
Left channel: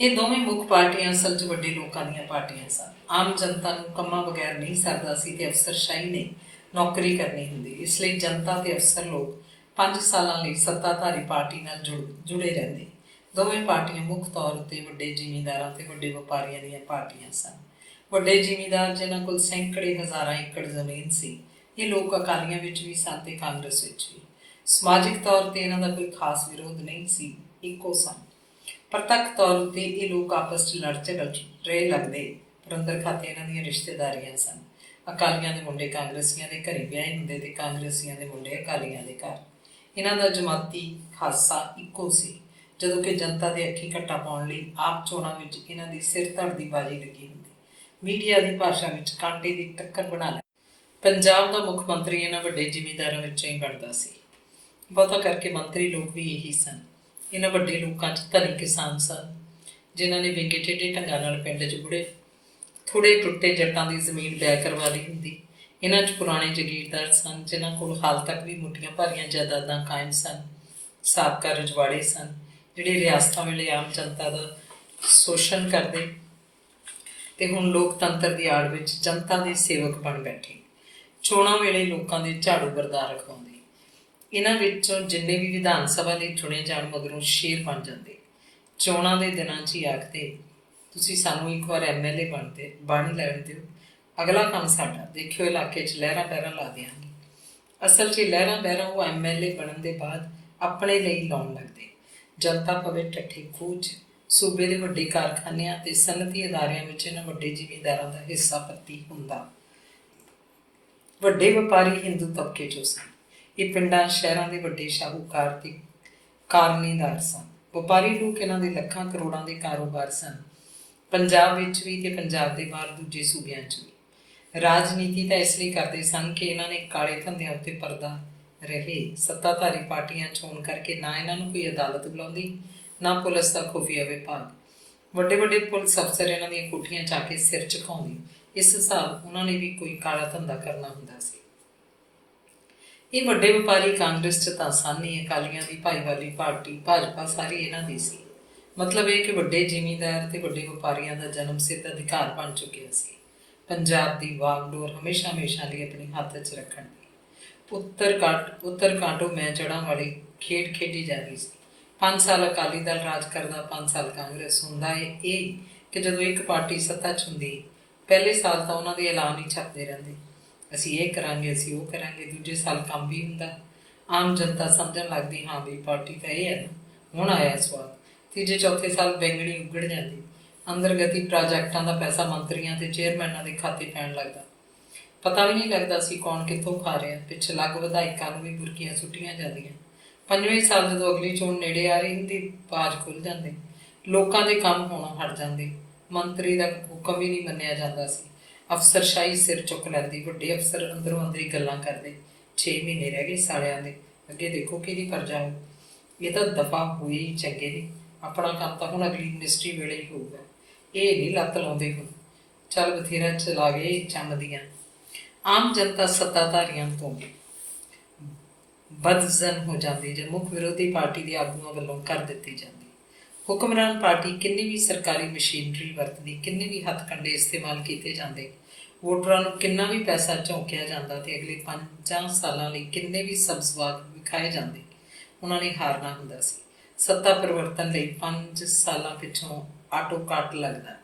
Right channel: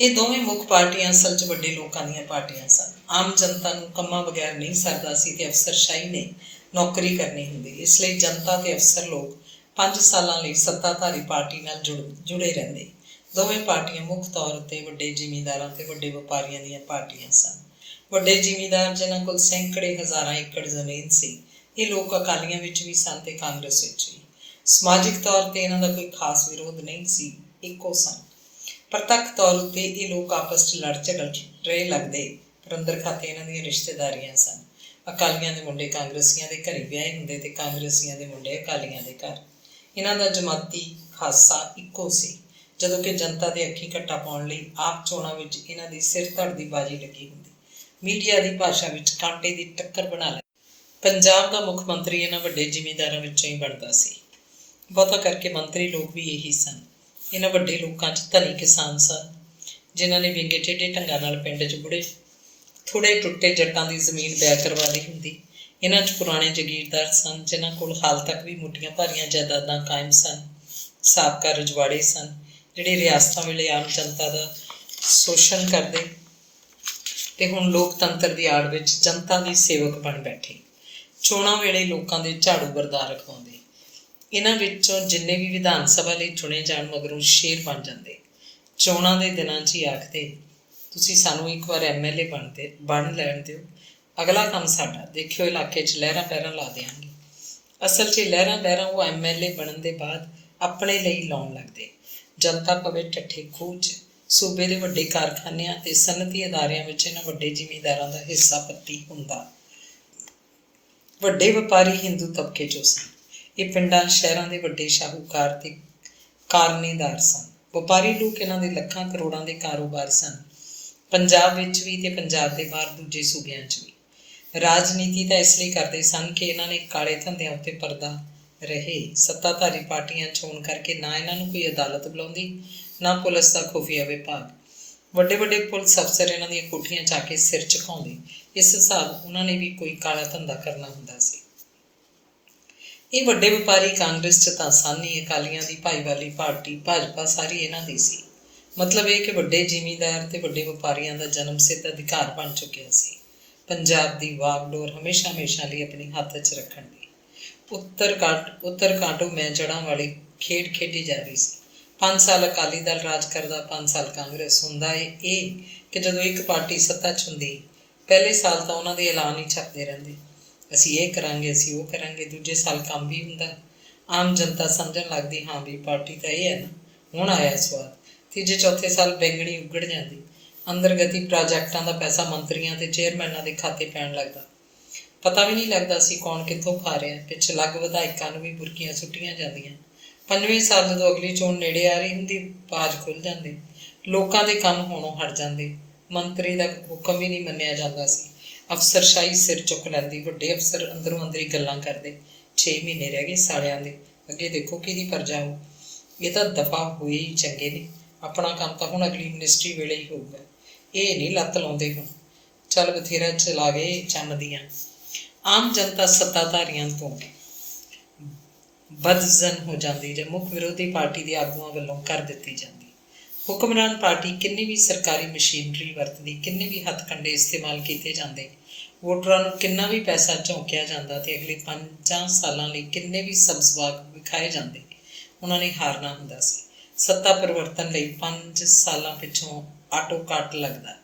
ਇਹ ਦੋਵੇਂ ਮੁੱਖ ਪਾਰਟੀਆਂ ਅਸਲ 'ਚ ਵੱਡੇ ਲੋਕਾਂ ਦੀਆਂ ਪਾਰਟੀਆਂ ਸਨ। ਆਮ ਜਨਤਾ ਨੂੰ ਕੰਮਾਂ ਬਗੈਰ ਨਹੀਂ ਸਰਦਾ ਸੀ ਅਤੇ ਅਫਸਰਸ਼ਾਹੀ ਨੇ ਨੌਕਰੀ ਕਰਨੀ ਹੁੰਦੀ। ਇਸ ਲਈ ਜਨਤਾ ਅਤੇ ਅਫਸਰ ਲੋਕ 5 ਸਾਲਾਂ ਲਈ ਸੱਤਾਧਾਰੀ ਪਾਰਟੀ ਨਾਲ ਜੁੜੇ ਰਹਿੰਦੇ। ਦੋਵੇਂ ਪਾਰਟੀਆਂ ਮੁੱਖ ਤੌਰ ਉੱਤੇ ਵੱਡੇ ਜ਼ਿਮੀਂਦਾਰਾਂ ਅਤੇ ਵੱਡੇ ਵਪਾਰੀਆਂ ਦੀਆਂ ਪਾਰਟੀਆਂ ਸਨ। ਵੱਡੇ ਜ਼ਿਮੀਂਦਾਰ ਜਿਨ੍ਹਾਂ ਕੋਲ ਸੈਂਕੜੇ ਹਜ਼ਾਰਾਂ ਏਕੜ ਜ਼ਮੀਨ ਸੀ, ਇਹ ਲੋਕ ਅਕਾਲੀਆਂ ਵਿੱਚ ਵੀ ਸਨ ਅਤੇ ਕਾਂਗਰਸ ਵਿੱਚ ਵੀ। ਸਮਾਜਿਕ ਤੌਰ 'ਤੇ ਇਹਨਾਂ ਦਾ ਕੋਈ ਖਾਸ ਵਿਰੋਧ ਨਹੀਂ ਸੀ, ਇੱਕੋ ਸਨ। ਪ੍ਰਤੱਖ ਤੌਰ ਉੱਤੇ ਇਹ ਲੋਕ ਆਪਸ 'ਚ ਲੜ ਝਗੜ ਰਹੇ ਲੱਗਦੇ, ਪਰ ਅੰਦਰ ਖਾਤੇ ਇਹਨਾਂ ਦੀਆਂ ਰਿਸ਼ਤੇਦਾਰੀਆਂ ਸਨ। ਅਕਾਲੀਆਂ ਦੇ ਮੁੰਡੇ ਕਾਂਗਰਸੀਆਂ ਦੇ ਘਰੇ ਵਿਆਹੇ ਹੁੰਦੇ ਅਤੇ ਕਾਂਗਰਸੀਆਂ ਦੇ ਮੁੰਡੇ ਅਕਾਲੀਆਂ ਦੇ ਘਰ। ਇਹਨਾਂ ਦਾ ਜਮਾਤੀ ਖਾਸਾ ਇੱਕੋ ਸੀ। ਜਦੋਂ ਕਿ ਜਨਤਾ ਦੇ ਅੱਖੀਂ ਘੱਟਾ ਪਾਉਣ ਲਈ ਆਪ ਚੋਣਾਂ ਵਿੱਚ ਇਹਨਾਂ ਦੀ ਸਿਰ ਧੜ ਦੀ ਬਾਜੀ ਲੱਗੀ ਹੁੰਦੀ। ਮੀਡੀਆ ਦੀ ਭਾਸ਼ਾ ਵਿੱਚ ਕਾਂਟੇ ਦੀ ਟੱਕਰ ਬਣਾ ਲੈ। ਪੰਜਾਬ ਦਾ ਮੁੱਖ ਮੰਤਰੀ ਇਹਨਾਂ ਵੱਡੇ ਜ਼ਿਮੀਂਦਾਰਾਂ ਵਿੱਚੋਂ ਹੀ ਬਣਦਾ ਸੀ। ਬਹੁਤਾ ਕਰਕੇ ਮੰਤਰੀ ਲੋਕ ਵੀ ਇਹੀ ਸਨ। ਇਹਨਾਂ ਵੱਡੇ ਲੋਕਾਂ 'ਚ ਧਨੀ ਕਿਸਾਨ ਸਨ, ਜਿਨ੍ਹਾਂ ਨੇ ਵਿੰਗੇ ਟੇਢੇ ਢੰਗਾਂ ਨਾਲ ਪਿੰਡ 'ਚ ਥੋੜ੍ਹੇ ਟੁੱਟੇ ਜੱਟਾਂ ਦੀ ਜ਼ਮੀਨ ਬੈਅ ਕਰਵਾ ਲਈ ਹੁੰਦੀ। ਇਹਨਾਂ 'ਚ ਪੁਰਾਣੇ ਜਗੀਰਦਾਰ ਸਨ, ਜਿਨ੍ਹਾਂ ਕੋਲ ਹਾਲ ਤੱਕ ਵੀ ਮੁੱਠੀਆਂ ਭਾਰੀਆਂ ਜਾਇਦਾਦਾਂ ਕਾਇਮ ਸਨ। ਸਾਬਕਾ ਰਜਵਾੜੇ ਸਨ, ਜਿਹੜੇ ਰਿਆਸਤਾਂ ਵੇਲੇ ਆਮ ਜਨਤਾ ਦਾ ਸ਼ੋਸ਼ਣ ਕਰਦੇ ਅਤੇ ਹੁਣ ਲੋਕਤੰਤਰ ਦੀ ਆੜ ਵਿੱਚ ਜਨਤਾ ਦੇ ਸੇਵਕ ਬਣ ਬੈਠੇ। ਚੋਣਾਂ ਵੇਲੇ ਲੋਕਾਂ ਦੇ ਝਾੜੂ ਬਰਦਾਰ ਰਖਵਾਉਂਦੇ। ਇਹਨਾਂ ਵਿੱਚੋਂ ਜਿੰਨੇ ਵੀ ਵਿਧਾਨ ਸਭਾ ਲਈ ਚੁਣੇ ਜਾਣ ਮਗਰੋਂ ਸ਼ੇਰ ਬਣ ਜਾਂਦੇ। ਚੋਣਾਂ ਦੇ ਦਿਨਾਂ 'ਚ ਹੀ ਆਖਦੇ, ਤੁਸੀਂ ਸਾਨੂੰ ਇੱਕ ਵਾਰ MLA ਬਣ ਲੈਣ ਦਿਓ, ਅਗਲਾ ਕੰਮ ਸਾਡਾ, ਦੇਖਿਓ ਇਲਾਕੇ 'ਚ ਲਹਿਰਾਂ ਪਹਿਰਾਂ ਲਾ ਦਿਆਂਗੇ। ਅਸਲ 'ਚ ਲਹਿਰਾਂ ਬਹਿਰਾਂ ਉਹ MLA ਬਣਨ ਦੇ ਬਾਅਦ ਆਪਣੇ ਲਈ ਲਾਉਣ ਲੱਗਦੇ। ਜਨਤਾ ਪਵੇ ਠੱਠੇ ਖੂਹ 'ਚ। ਸੂਬੇ ਦੇ ਵੱਡੇ ਕਾਰਖਾਨਿਆਂ ਅਤੇ ਸਨਅਤੀ ਅਦਾਰਿਆਂ ਵਿੱਚ ਇਹਨਾਂ ਵੱਡੇ ਜ਼ਿਮੀਂਦਾਰਾਂ ਦਾ ਹਿੱਸਾ ਪੱਤੀ ਹੁੰਦਾ। ਵੱਡੇ ਵਪਾਰੀ ਹਿੰਦੂ ਤਬਕੇ 'ਚੋਂ ਸਨ। ਇਹ ਪਿੰਡਾਂ ਸ਼ਹਿਰਾਂ ਦੇ ਵੱਡੇ ਸ਼ਾਹੂਕਾਰ ਅਤੇ ਕਾਰਨੀਦਾਰ ਸਨ। ਵਪਾਰੀ ਲੋਕ ਇਹਨਾਂ ਦੇ ਲੱਖਾਂ ਕਰੋੜਾਂ ਦੇ ਕਾਰੋਬਾਰ ਸਨ, ਪੰਜਾਬ ਵਿੱਚ ਵੀ ਅਤੇ ਪੰਜਾਬ ਦੇ ਬਾਹਰ ਦੂਜੇ ਸੂਬਿਆਂ 'ਚ ਵੀ। ਰਾਜਨੀਤੀ ਤਾਂ ਇਸ ਲਈ ਕਰਦੇ ਸਨ ਕਿ ਇਹਨਾਂ ਨੇ ਕਾਲੇ ਧੰਦਿਆਂ ਉੱਤੇ ਪਰਦਾ ਰਹੇ। ਸੱਤਾਧਾਰੀ ਪਾਰਟੀਆਂ ਚੋਣ ਕਰਕੇ ਨਾ ਇਹਨਾਂ ਨੂੰ ਕੋਈ ਅਦਾਲਤ ਬੁਲਾਉਂਦੀ, ਨਾ ਪੁਲਿਸ ਦਾ ਖੁਫੀਆ ਵਿਭਾਗ। ਵੱਡੇ ਵੱਡੇ ਪੁਲਿਸ ਅਫਸਰ ਇਹਨਾਂ ਦੀਆਂ ਕੋਠੀਆਂ 'ਚ ਆ ਕੇ ਸਿਰ ਝੁਕਾਉਂਦੇ। ਇਸ ਹਿਸਾਬ ਉਹਨਾਂ ਨੇ ਵੀ ਕੋਈ ਕਾਲਾ ਧੰਦਾ ਕਰਨਾ ਹੁੰਦਾ ਸੀ। ਇਹ ਵੱਡੇ ਵਪਾਰੀ ਕਾਂਗਰਸ 'ਚ ਤਾਂ ਸਨ ਹੀ। ਅਕਾਲੀਆਂ ਦੀ ਭਾਈਵਾਲੀ ਪਾਰਟੀ ਭਾਜਪਾ ਸਾਰੀ ਇਹਨਾਂ ਦੀ ਸੀ। ਮਤਲਬ ਇਹ ਕਿ ਵੱਡੇ ਜ਼ਿਮੀਂਦਾਰ ਅਤੇ ਵੱਡੇ ਵਪਾਰੀਆਂ ਦਾ ਜਨਮ ਸਿੱਧ ਅਧਿਕਾਰ ਬਣ ਚੁੱਕਿਆ ਸੀ ਪੰਜਾਬ ਦੀ ਵਾਗਡੋਰ ਹਮੇਸ਼ਾ ਹਮੇਸ਼ਾ ਲਈ ਆਪਣੇ ਹੱਥ 'ਚ ਰੱਖਣ ਦੀ। ਉੱਤਰ ਕਾਂਟੋ ਮੈਂ ਜੜ੍ਹਾਂ ਵਾਲੀ ਖੇਡ ਖੇਡੀ ਜਾ ਰਹੀ ਸੀ। 5 ਸਾਲ ਅਕਾਲੀ ਦਲ ਰਾਜ ਕਰਦਾ, 5 ਸਾਲ ਕਾਂਗਰਸ। ਹੁੰਦਾ ਇਹ ਕਿ ਜਦੋਂ ਇੱਕ ਪਾਰਟੀ ਸੱਤਾ 'ਚ ਹੁੰਦੀ, ਪਹਿਲੇ ਸਾਲ ਤਾਂ ਉਹਨਾਂ ਦੇ ਐਲਾਨ ਹੀ ਛਪਦੇ ਰਹਿੰਦੇ, ਅਸੀਂ ਇਹ ਕਰਾਂਗੇ, ਅਸੀਂ ਉਹ ਕਰਾਂਗੇ। ਦੂਜੇ ਸਾਲ ਕੰਮ ਵੀ ਹੁੰਦਾ। ਆਮ ਜਨਤਾ ਸਮਝਣ ਲੱਗਦੀ, ਹਾਂ ਵੀ ਪਾਰਟੀ ਤਾਂ ਇਹ ਹੈ ਨਾ, ਹੁਣ ਆਇਆ ਸਵਾਦ। ਤੀਜੇ ਚੌਥੇ ਸਾਲ ਬੈਂਗਣੀ ਉੱਗੜ ਜਾਂਦੀ। ਅੰਦਰਗਤੀ ਪ੍ਰਾਜੈਕਟਾਂ ਦਾ ਪੈਸਾ ਮੰਤਰੀਆਂ ਅਤੇ ਚੇਅਰਮੈਨਾਂ ਦੇ ਖਾਤੇ ਪੈਣ ਲੱਗਦਾ। ਪਤਾ ਵੀ ਨਹੀਂ ਲੱਗਦਾ ਸੀ ਕੌਣ ਕਿੱਥੋਂ ਖਾ ਰਿਹਾ। ਪਿੱਛ ਲੱਗ ਵਿਧਾਇਕਾਂ ਨੂੰ ਵੀ ਬੁਰਕੀਆਂ ਸੁੱਟੀਆਂ ਜਾਂਦੀਆਂ। 5ਵੇਂ ਸਾਲ ਜਦੋਂ ਅਗਲੀ ਚੋਣ ਨੇੜੇ ਆ ਰਹੀ ਹੁੰਦੀ, ਬਾਜ਼ ਖੁੱਲ੍ਹ ਜਾਂਦੇ। ਲੋਕਾਂ ਦੇ ਕੰਮ ਹੋਣੋਂ ਹਟ ਜਾਂਦੇ। ਮੰਤਰੀ ਦਾ ਹੁਕਮ ਵੀ ਨਹੀਂ ਮੰਨਿਆ ਜਾਂਦਾ ਸੀ। ਅਫਸਰਸ਼ਾਹੀ ਸਿਰ ਚੁੱਕ ਲੈਂਦੀ। ਵੱਡੇ ਅਫਸਰ ਅੰਦਰੋਂ ਅੰਦਰੀ ਗੱਲਾਂ ਕਰਦੇ, 6 ਮਹੀਨੇ ਰਹਿ ਗਏ ਸਾਲਿਆਂ ਦੇ, ਅੱਗੇ ਦੇਖੋ ਕਿਹਦੀ ਪਰਜਾ ਹੋ। ਇਹ ਤਾਂ ਦਫਾ ਹੋਏ ਹੀ ਚੰਗੇ ਨੇ। ਆਪਣਾ ਕੰਮ ਤਾਂ ਹੁਣ ਅਗਲੀ ਮਿਨਿਸਟਰੀ ਵੇਲੇ ਹੀ ਹੋਊਗਾ। ਇਹ ਨਹੀਂ ਲੱਤ ਲਾਉਂਦੇ ਹੁਣ, ਚੱਲ ਬਥੇਰਾ ਚਲਾ ਗਏ ਜੰਮਦੀਆਂ। ਆਮ ਜਨਤਾ ਸੱਤਾਧਾਰੀਆਂ ਤੋਂ ਬਦਜ਼ਨ ਹੋ ਜਾਂਦੀ ਜਾਂ ਮੁੱਖ ਵਿਰੋਧੀ ਪਾਰਟੀ ਦੇ ਆਗੂਆਂ ਵੱਲੋਂ ਕਰ ਦਿੱਤੀ ਜਾਂਦੀ। ਹੁਕਮਰਾਨ ਪਾਰਟੀ ਕਿੰਨੀ ਵੀ ਸਰਕਾਰੀ ਮਸ਼ੀਨਰੀ ਵਰਤਦੀ, ਕਿੰਨੇ ਵੀ ਹੱਥਕੰਡੇ ਇਸਤੇਮਾਲ ਕੀਤੇ ਜਾਂਦੇ, ਵੋਟਰਾਂ ਨੂੰ ਕਿੰਨਾ ਵੀ ਪੈਸਾ ਝੋਂਕਿਆ ਜਾਂਦਾ ਅਤੇ ਅਗਲੇ 5 ਸਾਲਾਂ ਲਈ ਕਿੰਨੇ ਵੀ ਸਬਜ਼ਬਾਗ ਵਿਖਾਏ ਜਾਂਦੇ, ਉਹਨਾਂ ਨੇ ਹਾਰਨਾ ਹੁੰਦਾ ਸੀ। ਸੱਤਾ ਪਰਿਵਰਤਨ ਲਈ 5 ਸਾਲਾਂ ਪਿੱਛੋਂ ਆਟੋ ਕੱਟ ਲੱਗਦਾ।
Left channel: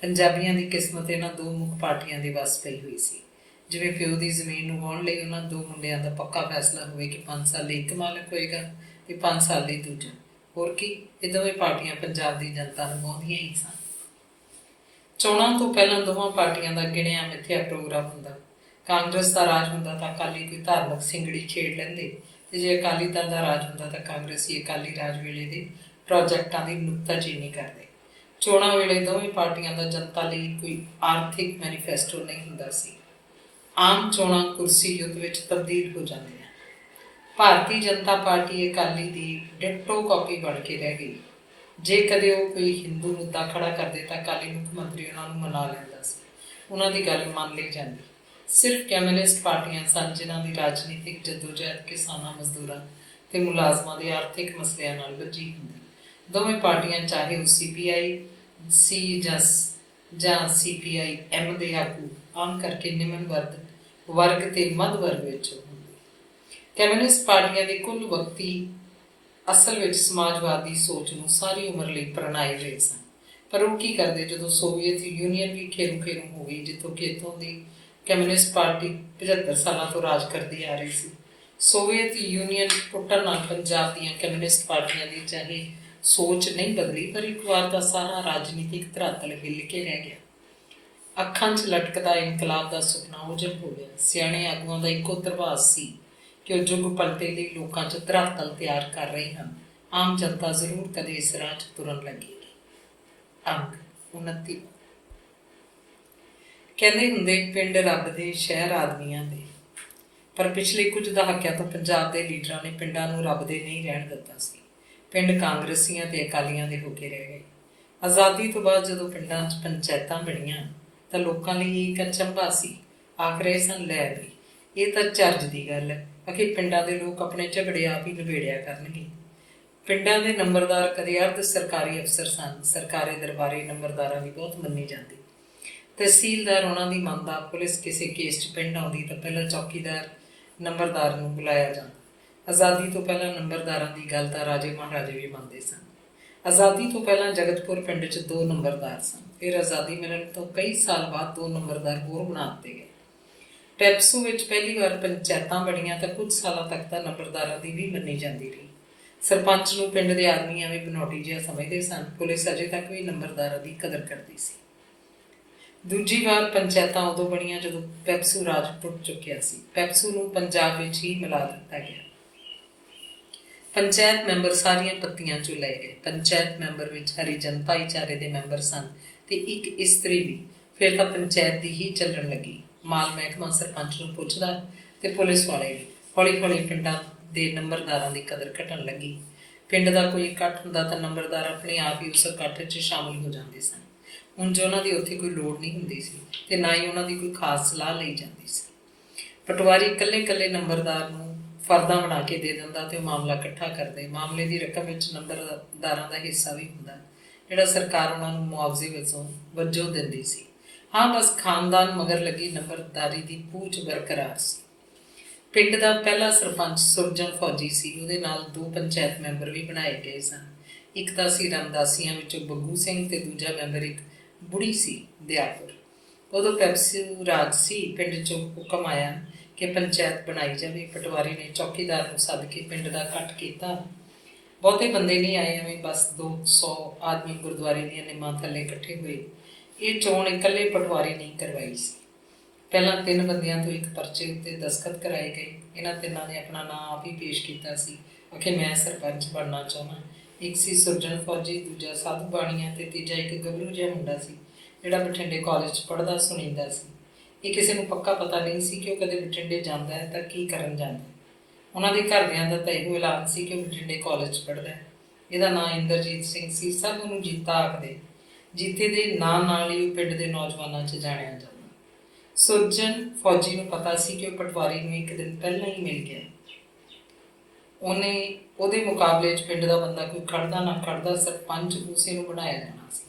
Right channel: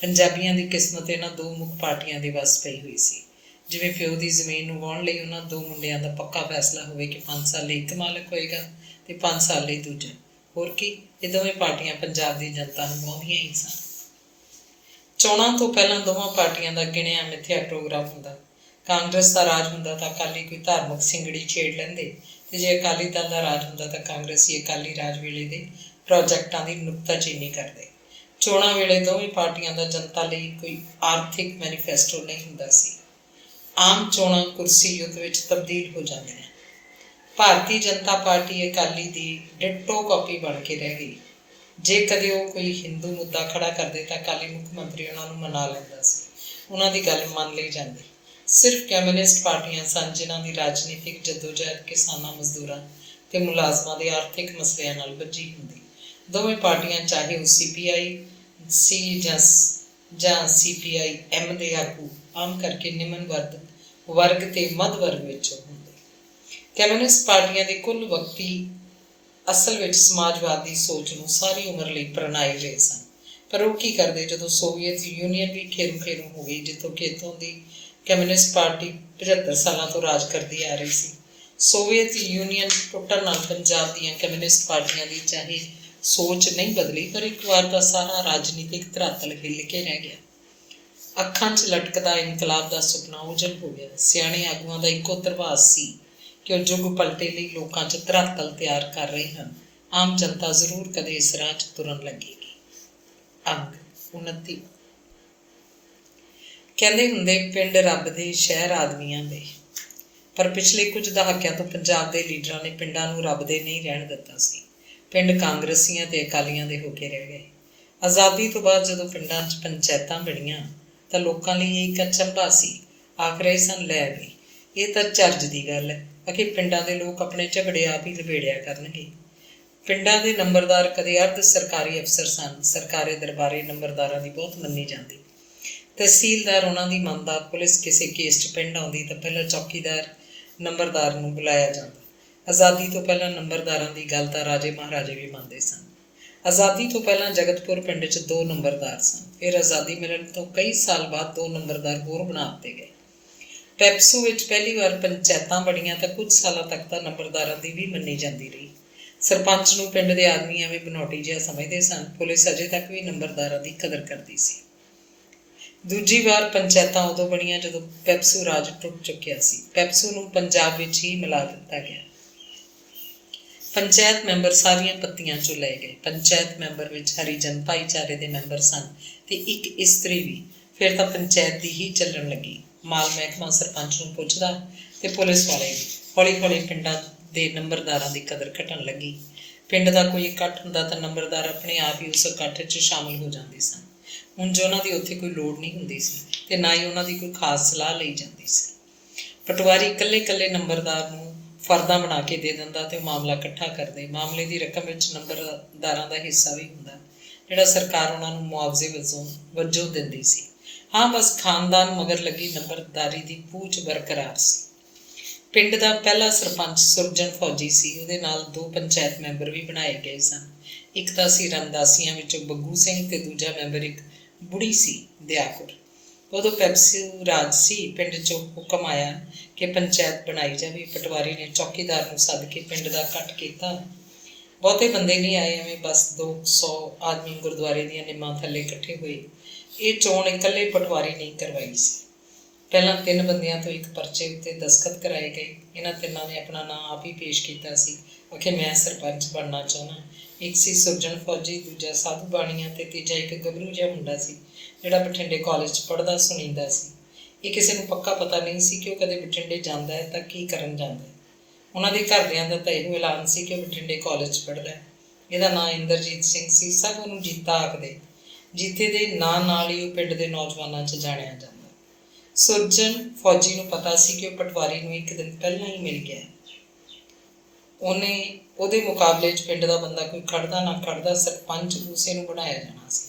ਪੰਜਾਬੀਆਂ ਦੀ ਕਿਸਮਤ ਇਹਨਾਂ ਦੋ ਮੁੱਖ ਪਾਰਟੀਆਂ ਦੇ ਵੱਸ ਪਈ ਹੋਈ ਸੀ। ਜਿਵੇਂ ਪਿਓ ਦੀ ਜ਼ਮੀਨ ਨੂੰ ਵਾਹੁਣ ਲਈ ਉਹਨਾਂ ਦੋ ਮੁੰਡਿਆਂ ਦਾ ਪੱਕਾ ਫੈਸਲਾ ਹੋਵੇ ਕਿ 5 ਸਾਲ ਲਈ ਇੱਕ ਮਾਲਕ ਹੋਏਗਾ ਅਤੇ 5 ਸਾਲ ਲਈ ਦੂਜਾ। ਹੋਰ ਕੀ, ਇਹ ਦੋਵੇਂ ਪਾਰਟੀਆਂ ਪੰਜਾਬ ਦੀ ਜਨਤਾ ਨੂੰ ਵਾਹੁੰਦੀਆਂ ਹੀ ਸਨ। ਚੋਣਾਂ ਤੋਂ ਪਹਿਲਾਂ ਦੋਵਾਂ ਪਾਰਟੀਆਂ ਦਾ ਗਿਣਿਆ ਮਿਥਿਆ ਪ੍ਰੋਗਰਾਮ ਹੁੰਦਾ। ਕਾਂਗਰਸ ਦਾ ਰਾਜ ਹੁੰਦਾ ਤਾਂ ਅਕਾਲੀ ਕੋਈ ਧਾਰਮਿਕ ਸਿੰਗੜੀ ਛੇੜ ਲੈਂਦੇ, ਅਤੇ ਜੇ ਅਕਾਲੀ ਦਲ ਦਾ ਰਾਜ ਹੁੰਦਾ ਤਾਂ ਕਾਂਗਰਸੀ ਅਕਾਲੀ ਰਾਜ ਵੇਲੇ ਦੇ ਪ੍ਰੋਜੈਕਟਾਂ ਦੀ ਨੁਕਤਾਚੀਨੀ ਕਰਦੇ। ਚੋਣਾਂ ਵੇਲੇ ਦੋਵੇਂ ਪਾਰਟੀਆਂ ਦਾ ਜਨਤਾ ਲਈ ਕੋਈ ਆਰਥਿਕ ਮੈਨੀਫੈਸਟੋ ਨਹੀਂ ਹੁੰਦਾ ਸੀ। ਆਮ ਚੋਣਾਂ ਕੁਰਸੀ ਯੁੱਧ ਵਿੱਚ ਤਬਦੀਲ ਹੋ ਜਾਂਦੀਆਂ। ਭਾਰਤੀ ਜਨਤਾ ਪਾਰਟੀ ਅਕਾਲੀ ਦੀ ਡਿਟੋ ਕਾਪੀ ਬਣ ਕੇ ਰਹਿ ਗਈ। ਜੇ ਕਦੇ ਉਹ ਕੋਈ ਹਿੰਦੂ ਮੁੱਦਾ ਖੜਾ ਕਰਦੇ ਤਾਂ ਅਕਾਲੀ ਮੁੱਖ ਮੰਤਰੀ ਉਹਨਾਂ ਨੂੰ ਮਨਾ ਲੈਂਦਾ ਸੀ, ਉਹਨਾਂ ਦੀ ਗੱਲ ਮੰਨ ਲਈ ਜਾਂਦੀ। ਸਿਰਫ ਕਮਿਊਨਿਸਟ ਪਾਰਟੀਆਂ ਸਨ ਜਿਨ੍ਹਾਂ ਦੀ ਰਾਜਨੀਤਿਕ ਜਦੋਜਹਿਦ ਕਿਸਾਨਾਂ, ਮਜ਼ਦੂਰਾਂ ਤੇ ਮੁਲਾਜ਼ਮਾਂ ਦੇ ਆਰਥਿਕ ਮਸਲਿਆਂ ਨਾਲ ਬੱਝੀ ਹੁੰਦੀ। ਦੋਵੇਂ ਪਾਰਟੀਆਂ ਚਾਹੇ ਉਹ CPI ਸੀ ਜਾਂ CPI-M ਦੇ ਆਗੂ ਆਮ ਕਰਕੇ ਨਿਮਨ ਵਰਗ ਤੇ ਮੱਧ ਵਰਗ ਵਿੱਚ ਹੁੰਦੇ। ਕਮਿਊਨਿਸਟ ਪਾਰਟੀਆਂ ਦੀ ਕੁੱਲ ਵਕਤੀ ਅਸਲ ਵਿੱਚ ਸਮਾਜਵਾਦੀ ਸੋਚ ਨੂੰ ਸਾਰੀ ਉਮਰ ਲਈ ਪ੍ਰਣਾਏ ਰਹੇ ਸਨ। ਪਰ ਉਹ ਕੀ ਕਰਦੇ ਜਦੋਂ ਸੋਵੀਅਤ ਯੂਨੀਅਨ ਵੀ ਖੇਰੂ ਹੋ ਗਈ, ਜਿੱਥੋਂ ਕਿ ਇੱਥੋਂ ਦੀ ਕਮਿਊਨਿਸਟ ਪਾਰਟੀ 75 ਸਾਲਾਂ ਤੋਂ ਰਾਜ ਕਰਦੀ ਆ ਰਹੀ ਸੀ। ਸੋਵੀਅਤ ਯੂਨੀਅਨ ਟੁੱਟਣ ਨਾਲ ਪੰਜਾਬ ਦੀਆਂ ਕਮਿਊਨਿਸਟ ਪਾਰਟੀਆਂ ਦੀ ਚਾਹੇ ਸੋਚ ਨਹੀਂ ਬਦਲੀ, ਪਰ ਇੱਕ ਵਾਰ ਦਾ ਸਾਰਾ ਰਾਜਨੀਤਿਕ ਧਰਾਤਲ ਹਿੱਲ ਕੇ ਰਹਿ ਗਿਆ। ਅੱਖਾਂ 'ਚ ਲਟਕਦਾ ਇਨਕਲਾਬ ਦਾ ਸੁਪਨਾ ਉਜਲ ਹੋ ਗਿਆ। ਸਿਆਣੇ ਆਗੂਆਂ ਦਾ ਇੱਕੋ ਧਰਵਾਸ ਸੀ ਕਿ ਉਹ ਯੁੱਗ ਪਲਟੇ ਲਈ ਲੋਕਾਂ 'ਚ ਧਰਾਤਲ ਤਿਆਰ ਕਰ ਰਹੇ ਹਨ। ਆਮ ਜਨਤਾ ਜ਼ਰੂਰ ਕਦੇ ਇਸ ਰਾਹ 'ਚ ਤੁਰਨ ਲੱਗੇਗੀ। ਅੰਗ 29। ਕਹਿੰਦੇ ਹੁੰਦੇ ਪਿੰਡ ਰੱਬ ਦੇ, ਸ਼ਹਿਰ ਆਦਮੀਆਂ ਦੇ। ਪਰ ਪਿਛਲੇ ਕੁਝ ਦਹਾਕਿਆਂ ਤੋਂ ਪੰਜਾਬ ਦੇ ਲੀਡਰਾਂ ਨੇ ਪਿੰਡਾਂ ਨੂੰ ਰੱਬ ਦੇ ਨਹੀਂ ਰਹਿਣ ਦਿੱਤਾ ਸੀ। ਪਿੰਡ ਕਾਂਗਰਸੀਆਂ ਤੇ ਅਕਾਲੀਆਂ ਦੇ ਹੋ ਕੇ ਰਹਿ ਗਏ। ਆਜ਼ਾਦੀ ਤੋਂ ਬਾਅਦ ਜਦੋਂ ਪਿੰਡਾਂ 'ਚ ਪੰਚਾਇਤਾਂ ਬਣੀਆਂ ਤਾਂ ਲੋਕਾਂ ਲਈ ਇਹ ਇੱਕ ਅਚੰਭਾ ਸੀ। ਆਖ ਰਹੇ ਸਨ, ਲੈ ਵੀ ਇਹ ਤਾਂ ਚੱਜ ਦੀ ਗੱਲ ਹੈ ਕਿ ਪਿੰਡਾਂ ਦੇ ਲੋਕ ਆਪਣੇ ਝਗੜੇ ਆਪ ਹੀ ਨਿਬੇੜਿਆ ਕਰਨਗੇ। ਪਿੰਡਾਂ ਦੇ ਨੰਬਰਦਾਰ ਕਦੇ ਅਰਧ ਸਰਕਾਰੀ ਅਫਸਰ ਸਨ। ਸਰਕਾਰੀ ਦਰਬਾਰੇ ਨੰਬਰਦਾਰਾਂ ਦੀ ਬਹੁਤ ਮੰਨੀ ਜਾਂਦੀ। ਤਹਿਸੀਲਦਾਰ ਉਹਨਾਂ ਦੀ ਮੰਨਦਾ। ਪੁਲਿਸ ਕਿਸੇ ਕੇਸ 'ਚ ਪਿੰਡ ਆਉਂਦੀ ਤਾਂ ਪਹਿਲਾਂ ਚੌਕੀਦਾਰ ਨੰਬਰਦਾਰ ਨੂੰ ਬੁਲਾਇਆ ਜਾਂਦਾ। ਆਜ਼ਾਦੀ ਤੋਂ ਪਹਿਲਾਂ ਨੰਬਰਦਾਰਾਂ ਦੀ ਗੱਲ ਤਾਂ ਰਾਜੇ ਮਹਾਰਾਜੇ ਵੀ ਮੰਨਦੇ ਸਨ। ਆਜ਼ਾਦੀ ਤੋਂ ਪਹਿਲਾਂ ਜਗਤਪੁਰ ਪਿੰਡ 'ਚ 2 ਨੰਬਰਦਾਰ ਸਨ। ਫਿਰ ਆਜ਼ਾਦੀ ਮਿਲਣ ਤੋਂ ਕਈ ਸਾਲ ਬਾਅਦ 2 ਨੰਬਰਦਾਰ ਹੋਰ ਬਣਾ ਦਿੱਤੇ ਗਏ। ਪੈਪਸੂ ਵਿੱਚ ਪਹਿਲੀ ਵਾਰ ਪੰਚਾਇਤਾਂ ਬਣੀਆਂ ਤਾਂ ਕੁਝ ਸਾਲਾਂ ਤੱਕ ਤਾਂ ਨੰਬਰਦਾਰਾਂ ਦੀ ਵੀ ਮੰਨੀ ਜਾਂਦੀ ਰਹੀ। ਸਰਪੰਚ ਨੂੰ ਪਿੰਡ ਦੇ ਆਦਮੀ ਐਵੇਂ ਬਨੌਟੀ ਜਿਹਾ ਸਮਝਦੇ ਸਨ। ਪੁਲਿਸ ਅਜੇ ਤੱਕ ਵੀ ਨੰਬਰਦਾਰਾਂ ਦੀ ਕਦਰ ਕਰਦੀ ਸੀ। ਦੂਜੀ ਵਾਰ ਪੰਚਾਇਤਾਂ ਉਦੋਂ ਬਣੀਆਂ ਜਦੋਂ ਪੈਪਸੂ ਰਾਜ ਟੁੱਟ ਚੁੱਕਿਆ ਸੀ। ਪੈਪਸੂ ਨੂੰ ਪੰਜਾਬ ਵਿੱਚ ਹੀ ਮਿਲਾ ਦਿੱਤਾ ਗਿਆ। ਪੰਚਾਇਤ ਮੈਂਬਰ ਸਾਰੀਆਂ ਪੱਤੀਆਂ 'ਚੋਂ ਲਏ ਗਏ। ਪੰਚਾਇਤ ਮੈਂਬਰ ਵਿੱਚ ਹਰੀਜਨ ਭਾਈਚਾਰੇ ਦੇ ਮੈਂਬਰ ਸਨ ਤੇ ਇੱਕ ਇਸਤਰੀ ਵੀ। ਫਿਰ ਤਾਂ ਪੰਚਾਇਤ ਦੀ ਹੀ ਚੱਲਣ ਲੱਗੀ। ਮਾਲ ਮਹਿਕਮਾ ਸਰਪੰਚ ਨੂੰ ਪੁੱਛਦਾ ਤੇ ਪੁਲਿਸ ਵਾਲੇ ਵੀ। ਹੌਲੀ ਹੌਲੀ ਪਿੰਡਾਂ ਦੇ ਨੰਬਰਦਾਰਾਂ ਦੀ ਕਦਰ ਘਟਣ ਲੱਗੀ। ਪਿੰਡ ਦਾ ਕੋਈ ਇਕੱਠ ਹੁੰਦਾ ਤਾਂ ਨੰਬਰਦਾਰ ਆਪਣੇ ਆਪ ਹੀ ਉਸ ਇਕੱਠ 'ਚ ਸ਼ਾਮਿਲ ਹੋ ਜਾਂਦੇ ਸਨ। ਉਂਝ ਉਹਨਾਂ ਦੀ ਉੱਥੇ ਕੋਈ ਲੋੜ ਨਹੀਂ ਹੁੰਦੀ ਸੀ ਤੇ ਨਾ ਹੀ ਉਹਨਾਂ ਦੀ ਕੋਈ ਖਾਸ ਸਲਾਹ ਲਈ ਜਾਂਦੀ ਸੀ। ਪਟਵਾਰੀ ਇਕੱਲੇ ਨੰਬਰਦਾਰ ਨੂੰ ਫਰਦਾਂ ਬਣਾ ਕੇ ਦੇ ਦਿੰਦਾ ਤੇ ਉਹ ਮਾਮਲਾ ਇਕੱਠਾ ਕਰਦੇ। ਮਾਮਲੇ ਦੀ ਰਕਮ ਵਿੱਚ ਨੰਬਰਦਾਰਾਂ ਦਾ ਹਿੱਸਾ ਵੀ ਹੁੰਦਾ, ਜਿਹੜਾ ਸਰਕਾਰ ਉਹਨਾਂ ਨੂੰ ਮੁਆਵਜ਼ੇ ਵਜੋਂ ਦਿੰਦੀ ਸੀ। ਹਾਂ, ਬਸ ਖਾਨਦਾਨ ਮਗਰ ਲੱਗੀ ਨੰਬਰਦਾਰੀ ਦੀ ਪੂਛ ਬਰਕਰਾਰ ਸੀ। ਪਿੰਡ ਦਾ ਪਹਿਲਾ ਸਰਪੰਚ ਸੁਰਜਨ ਫੌਜੀ ਸੀ। ਉਹਦੇ ਨਾਲ 2 ਪੰਚਾਇਤ ਮੈਂਬਰ ਵੀ ਬਣਾਏ ਗਏ ਸਨ। ਇੱਕ ਤਾਂ ਸੀ ਰਾਮਦਾਸੀਆਂ ਵਿੱਚੋਂ ਬੱਗੂ ਸਿੰਘ ਤੇ ਦੂਜਾ ਮੈਂਬਰ ਇੱਕ ਬੁੜੀ ਸੀ, ਦਿਆਕੁਰ। ਉਦੋਂ ਪੈਪਸੂ ਰਾਜ ਸੀ। ਪਿੰਡ 'ਚੋਂ ਹੁਕਮ ਆਇਆ ਕਿ ਪੰਚਾਇਤ ਬਣਾਈ ਜਾਵੇ। ਪਟਵਾਰੀ ਨੇ ਚੌਕੀਦਾਰ ਨੂੰ ਸੱਦ ਕੇ ਪਿੰਡ ਦਾ ਇਕੱਠ ਕੀਤਾ। ਬਹੁਤੇ ਬੰਦੇ ਨਹੀਂ ਆਏ, ਐਵੇਂ ਬਸ 200 ਆਦਮੀ ਗੁਰਦੁਆਰੇ ਦੀਆਂ ਨਿੰਮਾਂ ਥੱਲੇ ਇਕੱਠੇ ਹੋਏ। ਇਹ ਚੋਣ ਇਕੱਲੇ ਪਟਵਾਰੀ ਨਹੀਂ ਕਰਵਾਈ ਸੀ। ਪਹਿਲਾਂ 3 ਬੰਦਿਆਂ ਤੋਂ ਇੱਕ ਪਰਚੇ ਉੱਤੇ ਦਸਤਖਤ ਕਰਾਏ ਗਏ। ਇਹਨਾਂ ਤਿੰਨਾਂ ਨੇ ਆਪਣਾ ਨਾਂ ਆਪ ਹੀ ਪੇਸ਼ ਕੀਤਾ ਸੀ ਕਿ ਮੈਂ ਸਰਪੰਚ ਬਣਨਾ ਚਾਹੁੰਦਾ। ਇੱਕ ਸੀ ਸੁਰਜਨ ਫੌਜੀ, ਦੂਜਾ ਸਾਧੂ ਬਾਣੀਆ ਤੇ ਤੀਜਾ ਇੱਕ ਗੱਭਰੂ ਜਿਹਾ ਮੁੰਡਾ ਸੀ ਜਿਹੜਾ ਬਠਿੰਡੇ ਕਾਲਜ 'ਚ ਪੜ੍ਹਦਾ ਸੁਣੀਂਦਾ ਸੀ। ਇਹ ਕਿਸੇ ਨੂੰ ਪੱਕਾ ਪਤਾ ਨਹੀਂ ਸੀ ਕਿ ਉਹ ਕਦੇ ਬਠਿੰਡੇ ਜਾਂਦਾ ਹੈ ਤਾਂ ਕੀ ਕਰਨ ਜਾਂਦਾ ਹੈ। ਉਹਨਾਂ ਦੇ ਘਰਦਿਆਂ ਦਾ ਤਾਂ ਇਹੋ ਐਲਾਨ ਸੀ ਕਿ ਉਹ ਬਠਿੰਡੇ ਕਾਲਜ 'ਚ ਪੜ੍ਹਦਾ ਹੈ। ਇਹਦਾ ਨਾਂ ਇੰਦਰਜੀਤ ਸਿੰਘ ਸੀ। ਸਭ ਉਹਨੂੰ ਜੀਤਾ ਆਖਦੇ। ਜੀਤੇ ਦੇ ਨਾਂ ਨਾਲ ਹੀ ਉਹ ਪਿੰਡ ਦੇ ਨੌਜਵਾਨਾਂ 'ਚ ਜਾਣਿਆ ਜਾਂਦਾ। ਸੁਰਜਨ ਫੌਜੀ ਨੂੰ ਪਤਾ ਸੀ ਕਿ ਉਹ ਪਟਵਾਰੀ ਨੂੰ ਇੱਕ ਦਿਨ ਪਹਿਲਾਂ ਹੀ ਮਿਲ ਗਿਆ। ਉਹਦੇ ਮੁਕਾਬਲੇ 'ਚ ਪਿੰਡ ਦਾ ਬੰਦਾ ਕੋਈ ਖੜਦਾ ਨਾ ਖੜਦਾ, ਸਰਪੰਚ ਉਸੇ ਨੂੰ ਬਣਾਇਆ ਜਾਣਾ ਸੀ।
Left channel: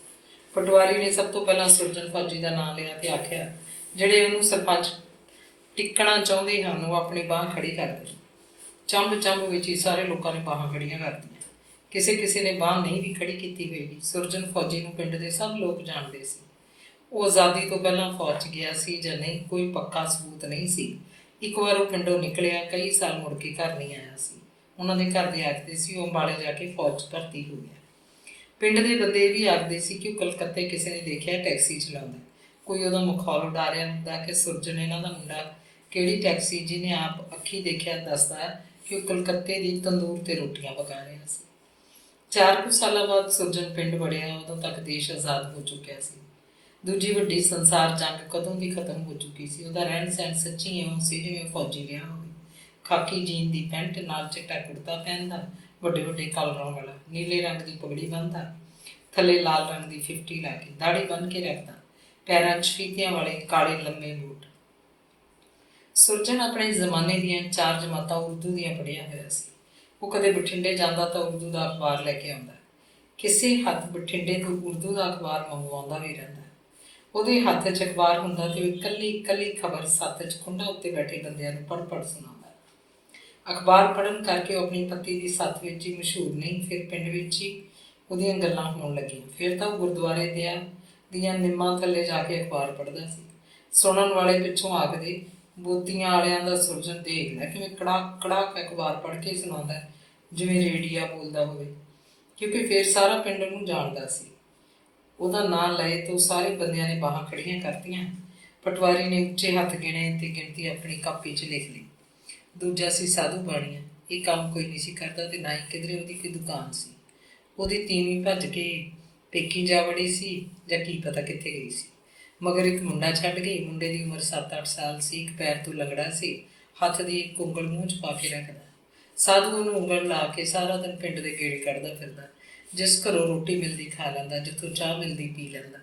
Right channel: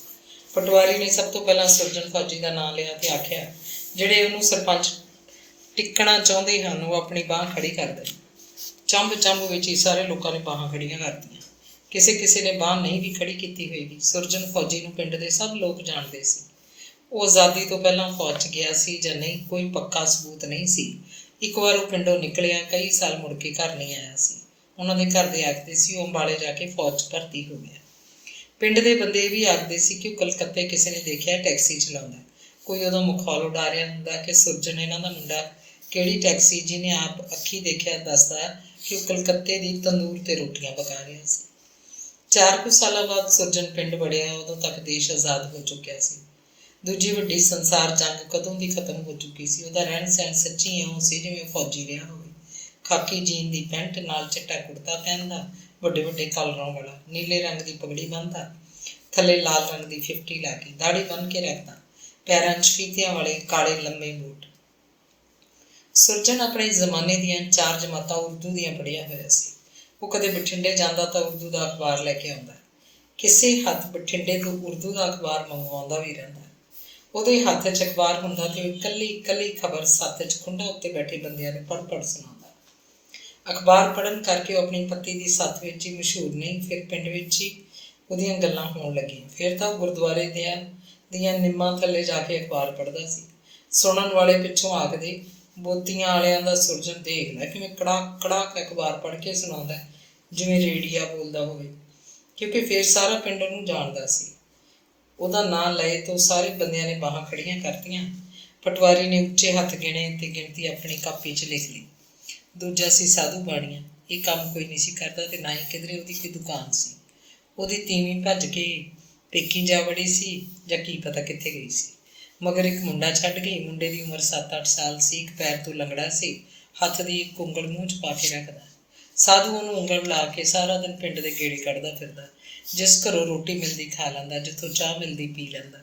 ਪਟਵਾਰੀ ਨੇ ਸਭ ਤੋਂ ਪਹਿਲਾਂ ਸੁਰਜਨ ਫੌਜੀ ਦਾ ਨਾਂ ਲਿਆ ਤੇ ਆਖਿਆ, ਜਿਹੜੇ ਉਹਨੂੰ ਸਰਪੰਚ ਟਿੱਕਣਾ ਚਾਹੁੰਦੇ ਹਨ ਉਹ ਆਪਣੀ ਬਾਂਹ ਖੜੀ ਕਰ ਦੇਣ। ਚੰਬ ਵਿੱਚ ਹੀ ਸਾਰੇ ਲੋਕਾਂ ਨੇ ਬਾਹਾਂ ਖੜੀਆਂ ਕਰਤੀਆਂ। ਕਿਸੇ ਨੇ ਬਾਂਹ ਨਹੀਂ ਵੀ ਖੜੀ ਕੀਤੀ ਹੋਏਗੀ। ਸੁਰਜਨ ਫੌਜੀ ਨੂੰ ਪਿੰਡ ਦੇ ਸਭ ਲੋਕ ਜਾਣਦੇ ਸੀ। ਉਹ ਆਜ਼ਾਦੀ ਤੋਂ ਪਹਿਲਾਂ ਫੌਜ 'ਚ ਗਿਆ ਸੀ ਜਾਂ ਨਹੀਂ, ਕੋਈ ਪੱਕਾ ਸਬੂਤ ਨਹੀਂ ਸੀ। ਇੱਕ ਵਾਰ ਉਹ ਪਿੰਡੋਂ ਨਿਕਲਿਆ, ਕਈ ਸਾਲ ਮੁੜ ਕੇ ਘਰ ਨਹੀਂ ਆਇਆ ਸੀ। ਉਹਨਾਂ ਦੇ ਘਰ ਦੇ ਆਖਦੇ ਸੀ ਉਹ ਅੰਬਾਲੇ ਜਾ ਕੇ ਫੌਜ 'ਚ ਭਰਤੀ ਹੋ ਗਿਆ। ਪਿੰਡ ਦੇ ਬੰਦੇ ਇਹ ਵੀ ਆਖਦੇ ਸੀ ਕਿ ਉਹ ਕਲਕੱਤੇ ਕਿਸੇ ਨੇ ਦੇਖਿਆ ਟੈਕਸੀ ਚਲਾਉਂਦਾ। ਕੋਈ ਉਹਦਾ ਮਖੌਲ ਉਡਾ ਰਿਹਾ ਹੁੰਦਾ ਕਿ ਸੁਰਜਨ ਇਹਨਾਂ ਦਾ ਮੁੰਡਾ ਕਿਹੜੀ ਟੈਕਸੀ, ਜਿਹਨੇ ਆਪ ਅੱਖੀਂ ਦੇਖਿਆ ਦੱਸਦਾ ਕਿ ਉਹ ਕਲਕੱਤੇ ਦੀ ਤੰਦੂਰ 'ਤੇ ਰੋਟੀਆਂ ਪਕਾ ਰਿਹਾ ਸੀ। 4 ਕੁ ਸਾਲਾਂ ਬਾਅਦ ਸੁਰਜਨ ਪਿੰਡ ਵੜਿਆ। ਉਦੋਂ ਤੱਕ ਦੇਸ਼ ਆਜ਼ਾਦ ਹੋ ਚੁੱਕਿਆ ਸੀ। ਦੂਜੀ ਵੱਡੀ ਸੰਸਾਰ ਜੰਗ ਕਦੋਂ ਦੀ ਖਤਮ ਹੋ ਚੁੱਕੀ ਸੀ। ਉਹਦਾ ਰਹਿਣ ਸਹਿਣ ਸੱਚੀ ਇਉਂ ਸੀ ਜਿਵੇਂ ਫੌਜੀ ਰਿਹਾ ਹੋਵੇ। ਖਾਕੀ ਜੀਨ ਦੀ ਪੈਂਟ ਨਾਲ ਚਿੱਟਾ ਕੁੜਤਾ ਪਹਿਨਦਾ, ਵੱਡੇ ਵੱਡੇ ਕਾਲਰਾਂ ਵਾਲਾ, ਨੀਲੇ ਰੰਗ ਦੀ ਪਗੜੀ ਬੰਨ੍ਹਦਾ, ਥੱਲੇ ਲਾਲ ਰੰਗ ਦੀ 50 ਲਾ ਕੇ, ਦਾੜੀ ਬੰਨ੍ਹ ਕੇ ਰੱਖਦਾ, ਪੈਰਾਂ 'ਚ ਫੀਤਿਆਂ ਵਾਲੇ ਕਾਲੇ ਲੰਮੇ ਬੂਟ। ਸੁਰਜਣ ਆਪਣੇ ਜ਼ਮਾਨੇ ਦੀਆਂ 4 ਜਮਾਤਾਂ ਉਰਦੂ ਦੀਆਂ ਪੜ੍ਹਿਆ ਹੋਇਆ ਸੀ। ਉਹ ਕਦੇ ਬਠਿੰਡੇ ਜਾਂਦਾ ਤਾਂ ਉਰਦੂ ਦਾ ਅਖਬਾਰ ਲੈ ਕੇ ਆਉਂਦਾ, ਕਿਸੇ ਹੱਥ ਬਠਿੰਡੇ ਤੋਂ ਉਰਦੂ ਦਾ ਅਖਬਾਰ ਮੰਗਵਾਉਂਦਾ ਵੀ ਰਹਿੰਦਾ। ਉਹਦੇ ਹੱਥ 'ਚ ਅਖਬਾਰ ਹੁੰਦਾ ਤੇ ਉਹ ਇਕੱਲੀ ਇਕੱਲੀ ਖਬਰ ਸੱਤ 'ਚ ਖੁੰਡਾ ਉੱਤੇ ਬੈਠੇ ਬੰਦਿਆਂ ਨੂੰ ਪੜ੍ਹ ਸੁਣਾਉਂਦਾ। ਅਖਬਾਰ ਪੜ੍ਹਨ ਕਰਕੇ ਉਹ ਆਪਣੀ ਪੱਤੀ ਦੀ ਸੱਥ ਵਿੱਚ ਹੀ ਮਸ਼ਹੂਰ ਨਹੀਂ, ਫਿਰ ਪਿੰਡ ਵਿੱਚ ਹੀ ਉਹਦੀਆਂ ਗੱਲਾਂ ਹੋਣ ਲੱਗੀਆਂ। ਫਿਰ ਤਾਂ ਉਹ ਗੁਰਦੁਆਰੇ ਦੀਆਂ ਨਿੰਮਾਂ ਥੱਲੇ ਜਾ ਕੇ ਅਖਬਾਰ ਪੜ੍ਹਦਾ ਸੀ। ਸੁਣਨ ਵਾਲੇ ਪਿੱਛੋਂ ਆਖਦੇ, ਬੋਤੀਆਂ ਵਾਲਿਆਂ ਦਾ ਸੁਰਜਣ ਦੇਖ ਲੈ ਕਿਵੇਂ ਕੜਾਕ ਕੜਾਕ ਅਖਬਾਰ ਪੜ੍ਹ ਕੇ ਸੁਣਾਉਂਦਾ, ਜਿਵੇਂ ਰੇਡੀਆ ਬੋਲਦਾ ਹੋਵੇ, ਕਿਉਂਕਿ ਫਿਰ ਸਾਰਾ ਪਿੰਡ ਉਹਨੂੰ ਜਾਣਦਾ ਸੀ। ਉਹਦਾ ਨਾਂ ਲਏ ਤਾਂ ਸਾਰੇ ਬੰਦਿਆਂ ਨੇ ਬਾਹਾਂ ਖੜੀਆਂ ਕਰਤੀਆਂ। ਪਟਵਾਰੀ ਨੇ ਉੱਚੇ ਹੱਥ ਗਿਣੇ ਤੇ ਗਿਣਤੀ ਆਪਣੀ ਕਾਪੀ 'ਚ ਲਿਖ ਲਈ। ਦੂਜਾ ਸੀ ਸਾਧੂ ਬਾਣੀਆਂ। ਇਹ ਕੰਮ ਕੋਈ ਨਹੀਂ ਸੀ ਕਰਦਾ ਤੇ ਨਾ ਹੀ ਕਿਧਰੇ ਉਹਦੀ ਕੋਈ ਦੁਕਾਨ ਸੀ। ਉਹਦੀ ਤੀਵੀਂ ਭੱਜ ਕੇ ਪੇਕੀ ਜਾ ਵੜੀ ਸੀ ਜਾਂ ਕੀ ਪਤਾ ਕਿੱਥੇ ਗਈ ਸੀ। ਮਗਰ ਇੱਕ ਮੁੰਡਾ ਛੱਡ ਗਈ। ਮੁੰਡੇ ਦੀ ਉਮਰ 7-8 ਸਾਲ ਸੀ, ਇੱਕ ਪੈਰ ਤੋਂ ਲੰਗੜਾ ਸੀ, ਹੱਥ ਦੀ ਇੱਕ ਉਂਗਲ ਮੂੰਹ 'ਚ ਪਾ ਕੇ ਰੱਖਦਾ। ਸਾਧੂ ਉਹਨੂੰ ਉਂਗਲ ਲਾ ਕੇ ਸਾਰਾ ਦਿਨ ਪਿੰਡ ਦੇ ਗੇੜੇ ਕੱਢਦਾ ਫਿਰਦਾ। ਜਿਸ ਘਰੋਂ ਰੋਟੀ ਮਿਲਦੀ ਖਾ ਲੈਂਦਾ, ਜਿੱਥੋਂ ਚਾਹ ਮਿਲਦੀ ਪੀ ਲੈਂਦਾ।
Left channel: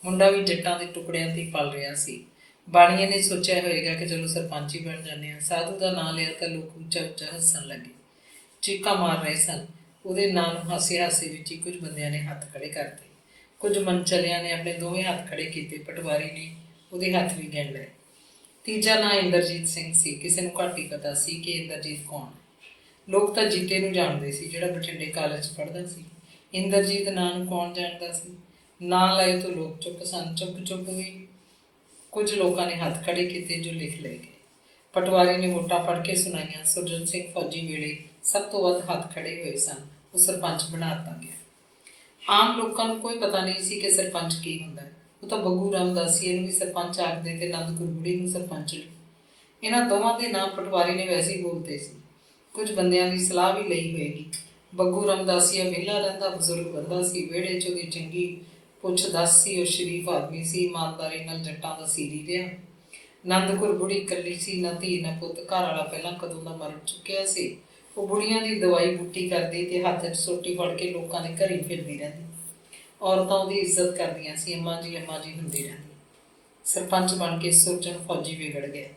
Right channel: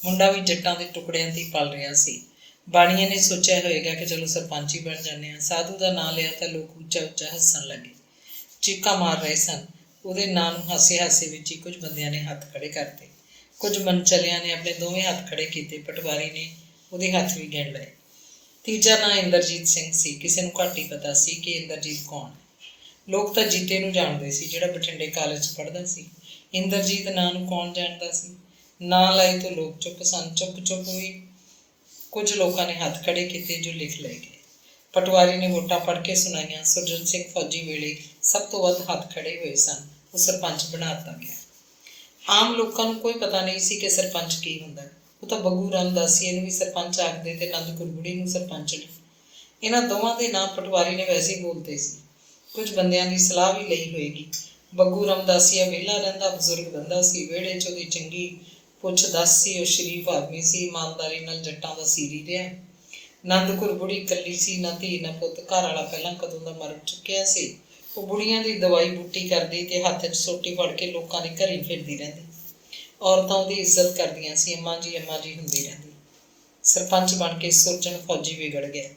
ਮੁੰਡਾ ਵੀ ਜੱਟਾਂ ਦੇ ਟੁਕੜਿਆਂ 'ਤੇ ਪਲ ਰਿਹਾ ਸੀ। ਬਾਣੀਆਂ ਨੇ ਸੋਚਿਆ ਹੋਏਗਾ ਕਿ ਚਲੋ ਸਰਪੰਚ ਹੀ ਬਣ ਜਾਂਦੇ ਹਾਂ। ਸਾਧੂ ਦਾ ਨਾਂ ਲਿਆ ਤਾਂ ਲੋਕ ਉੱਚਾ ਉੱਚਾ ਹੱਸਣ ਲੱਗੇ, ਚੀਕਾਂ ਮਾਰ ਰਹੇ ਸਨ। ਉਹਦੇ ਨਾਂ ਨੂੰ ਹਾਸੇ ਹਾਸੇ ਵਿੱਚ ਹੀ ਕੁਝ ਬੰਦਿਆਂ ਨੇ ਹੱਥ ਖੜ੍ਹੇ ਕਰਤੇ, ਕੁਝ ਮਨਚਲਿਆਂ ਨੇ ਆਪਣੇ ਦੋਵੇਂ ਹੱਥ ਖੜ੍ਹੇ ਕੀਤੇ। ਪਟਵਾਰੀ ਨੇ ਉਹਦੇ ਹੱਥ ਵੀ ਗਿਣ ਲਏ। ਤੀਜਾ ਨਾਂ ਇੰਦਰਜੀਤ ਸਿੰਘ ਸੀ। ਕਿਸੇ ਨੂੰ ਘੱਟ ਹੀ ਪਤਾ ਸੀ ਕਿ ਇੰਦਰਜੀਤ ਕੌਣ ਹੈ। ਲੋਕ ਤਾਂ ਜੀਤੇ ਨੂੰ ਜਾਣਦੇ ਸੀ, ਜਿਹੜਾ ਬਠਿੰਡੇ ਕਾਲਜ 'ਚ ਪੜ੍ਹਦਾ ਸੀ। ਇੰਦਰਜੀਤ ਨਾਂ ਨੂੰ ਕੌਣ ਜਾਣਦਾ ਸੀ? ਨਾਂ ਲਏ ਤੋਂ ਲੋਕ ਚੁੱਪ ਸਨ। ਚੁੱਪ ਵੀ ਕੁਝ ਲੋਕਾਂ ਨੇ ਹੱਥ ਖੜ੍ਹੇ ਕੀਤੇ ਜੋ ਲਿਖ ਲਏ ਗਏ। ਪਟਵਾਰੀ ਨੇ ਵੋਟਾਂ ਪੜ੍ਹ ਕੇ ਸੁਣਾਈਆਂ। ਸੁਰਜਣ ਸਿੰਘ ਫੌਜੀ ਵੇਲੇ ਸਭ ਤੋਂ ਵੱਧ ਹੱਥ ਖੜ੍ਹੇ ਹੋਏ ਸਨ। ਉਹ ਸਰਪੰਚ ਬਣਾ ਦਿੱਤਾ ਗਿਆ। ਆਮ ਲੋਕਾਂ ਨੂੰ ਕੋਈ ਪਤਾ ਨਹੀਂ ਸੀ ਕਿ ਸਰਪੰਚ ਕੀ ਹੁੰਦਾ। ਉਹ ਤਾਂ ਬੱਗੂ ਰਾਮਦਾਸੀਏ ਨੂੰ ਵੀ ਸਰਪੰਚ ਆਖਦੇ ਤੇ ਆਨੰਦਪੁਰ ਬੁੜੀ ਨੂੰ ਸਰਪੰਚਣੀ। ਇਹਨਾਂ ਦੋਵਾਂ ਦੇ ਨਾਂ ਪਟਵਾਰੀ ਨੇ ਵੈਸੇ ਹੀ ਬੋਲਤੇ ਸੀ। ਕੁਝ ਬੰਦਿਆਂ ਦੀ ਸਲਾਹ ਵੀ ਲਈ ਹੋਏਗੀ। ਬੱਗੂ ਰਾਮਦਾਸੀਆ ਵਿਹਲਾ ਰਹਿੰਦਾ, ਬਜ਼ੁਰਗ ਬੰਦਾ ਸੀ। ਵਿਹੜੇ 'ਚ ਉਹਦੀ ਚੰਗੀ ਪੁੱਛ ਦੱਸ ਸੀ। ਉਹ ਸ਼ਰੀਫ ਆਦਮੀ ਸੀ, ਇਮਾਨਦਾਰੀ ਨਾਲ ਜੱਟਾਂ ਦਾ ਸੀਰੀ ਰਿਹਾ। ਆਨੰਦਪੁਰ ਬੁੜੀ ਇਕੱਲੀ ਸੀ, ਨਾ ਧੀ ਨਾ ਪੁੱਤ। ਘਰ ਵਾਲਾ ਪਹਿਲਾਂ ਕਦੋਂ ਦਾ ਮਰ ਚੁੱਕਿਆ ਸੀ। ਉਹ ਬੁੜੀਆਂ ਦੀ ਦਵਾਈ ਬੂਟੀ ਕਰਦੀ ਤੇ ਹੱਥ 'ਚ ਸੋਟੀ ਫੜ ਕੇ ਲੋਕਾਂ ਦੇ ਘਰ ਹੀ ਫਿਰਦੀ ਰਹਿੰਦੀ। ਔਰਤਾਂ ਉਹਦੀ ਇੱਜ਼ਤ ਕਰਦੀਆਂ ਸੀ, ਅੰਮਾ ਜੀ ਹੁੰਦੀ ਰਹਿੰਦੀ। ਸਰਪੰਚ ਬਣ ਕੇ ਸੁਰਜਣ ਫੌਜੀ ਵਿਗੜ ਗਿਆ।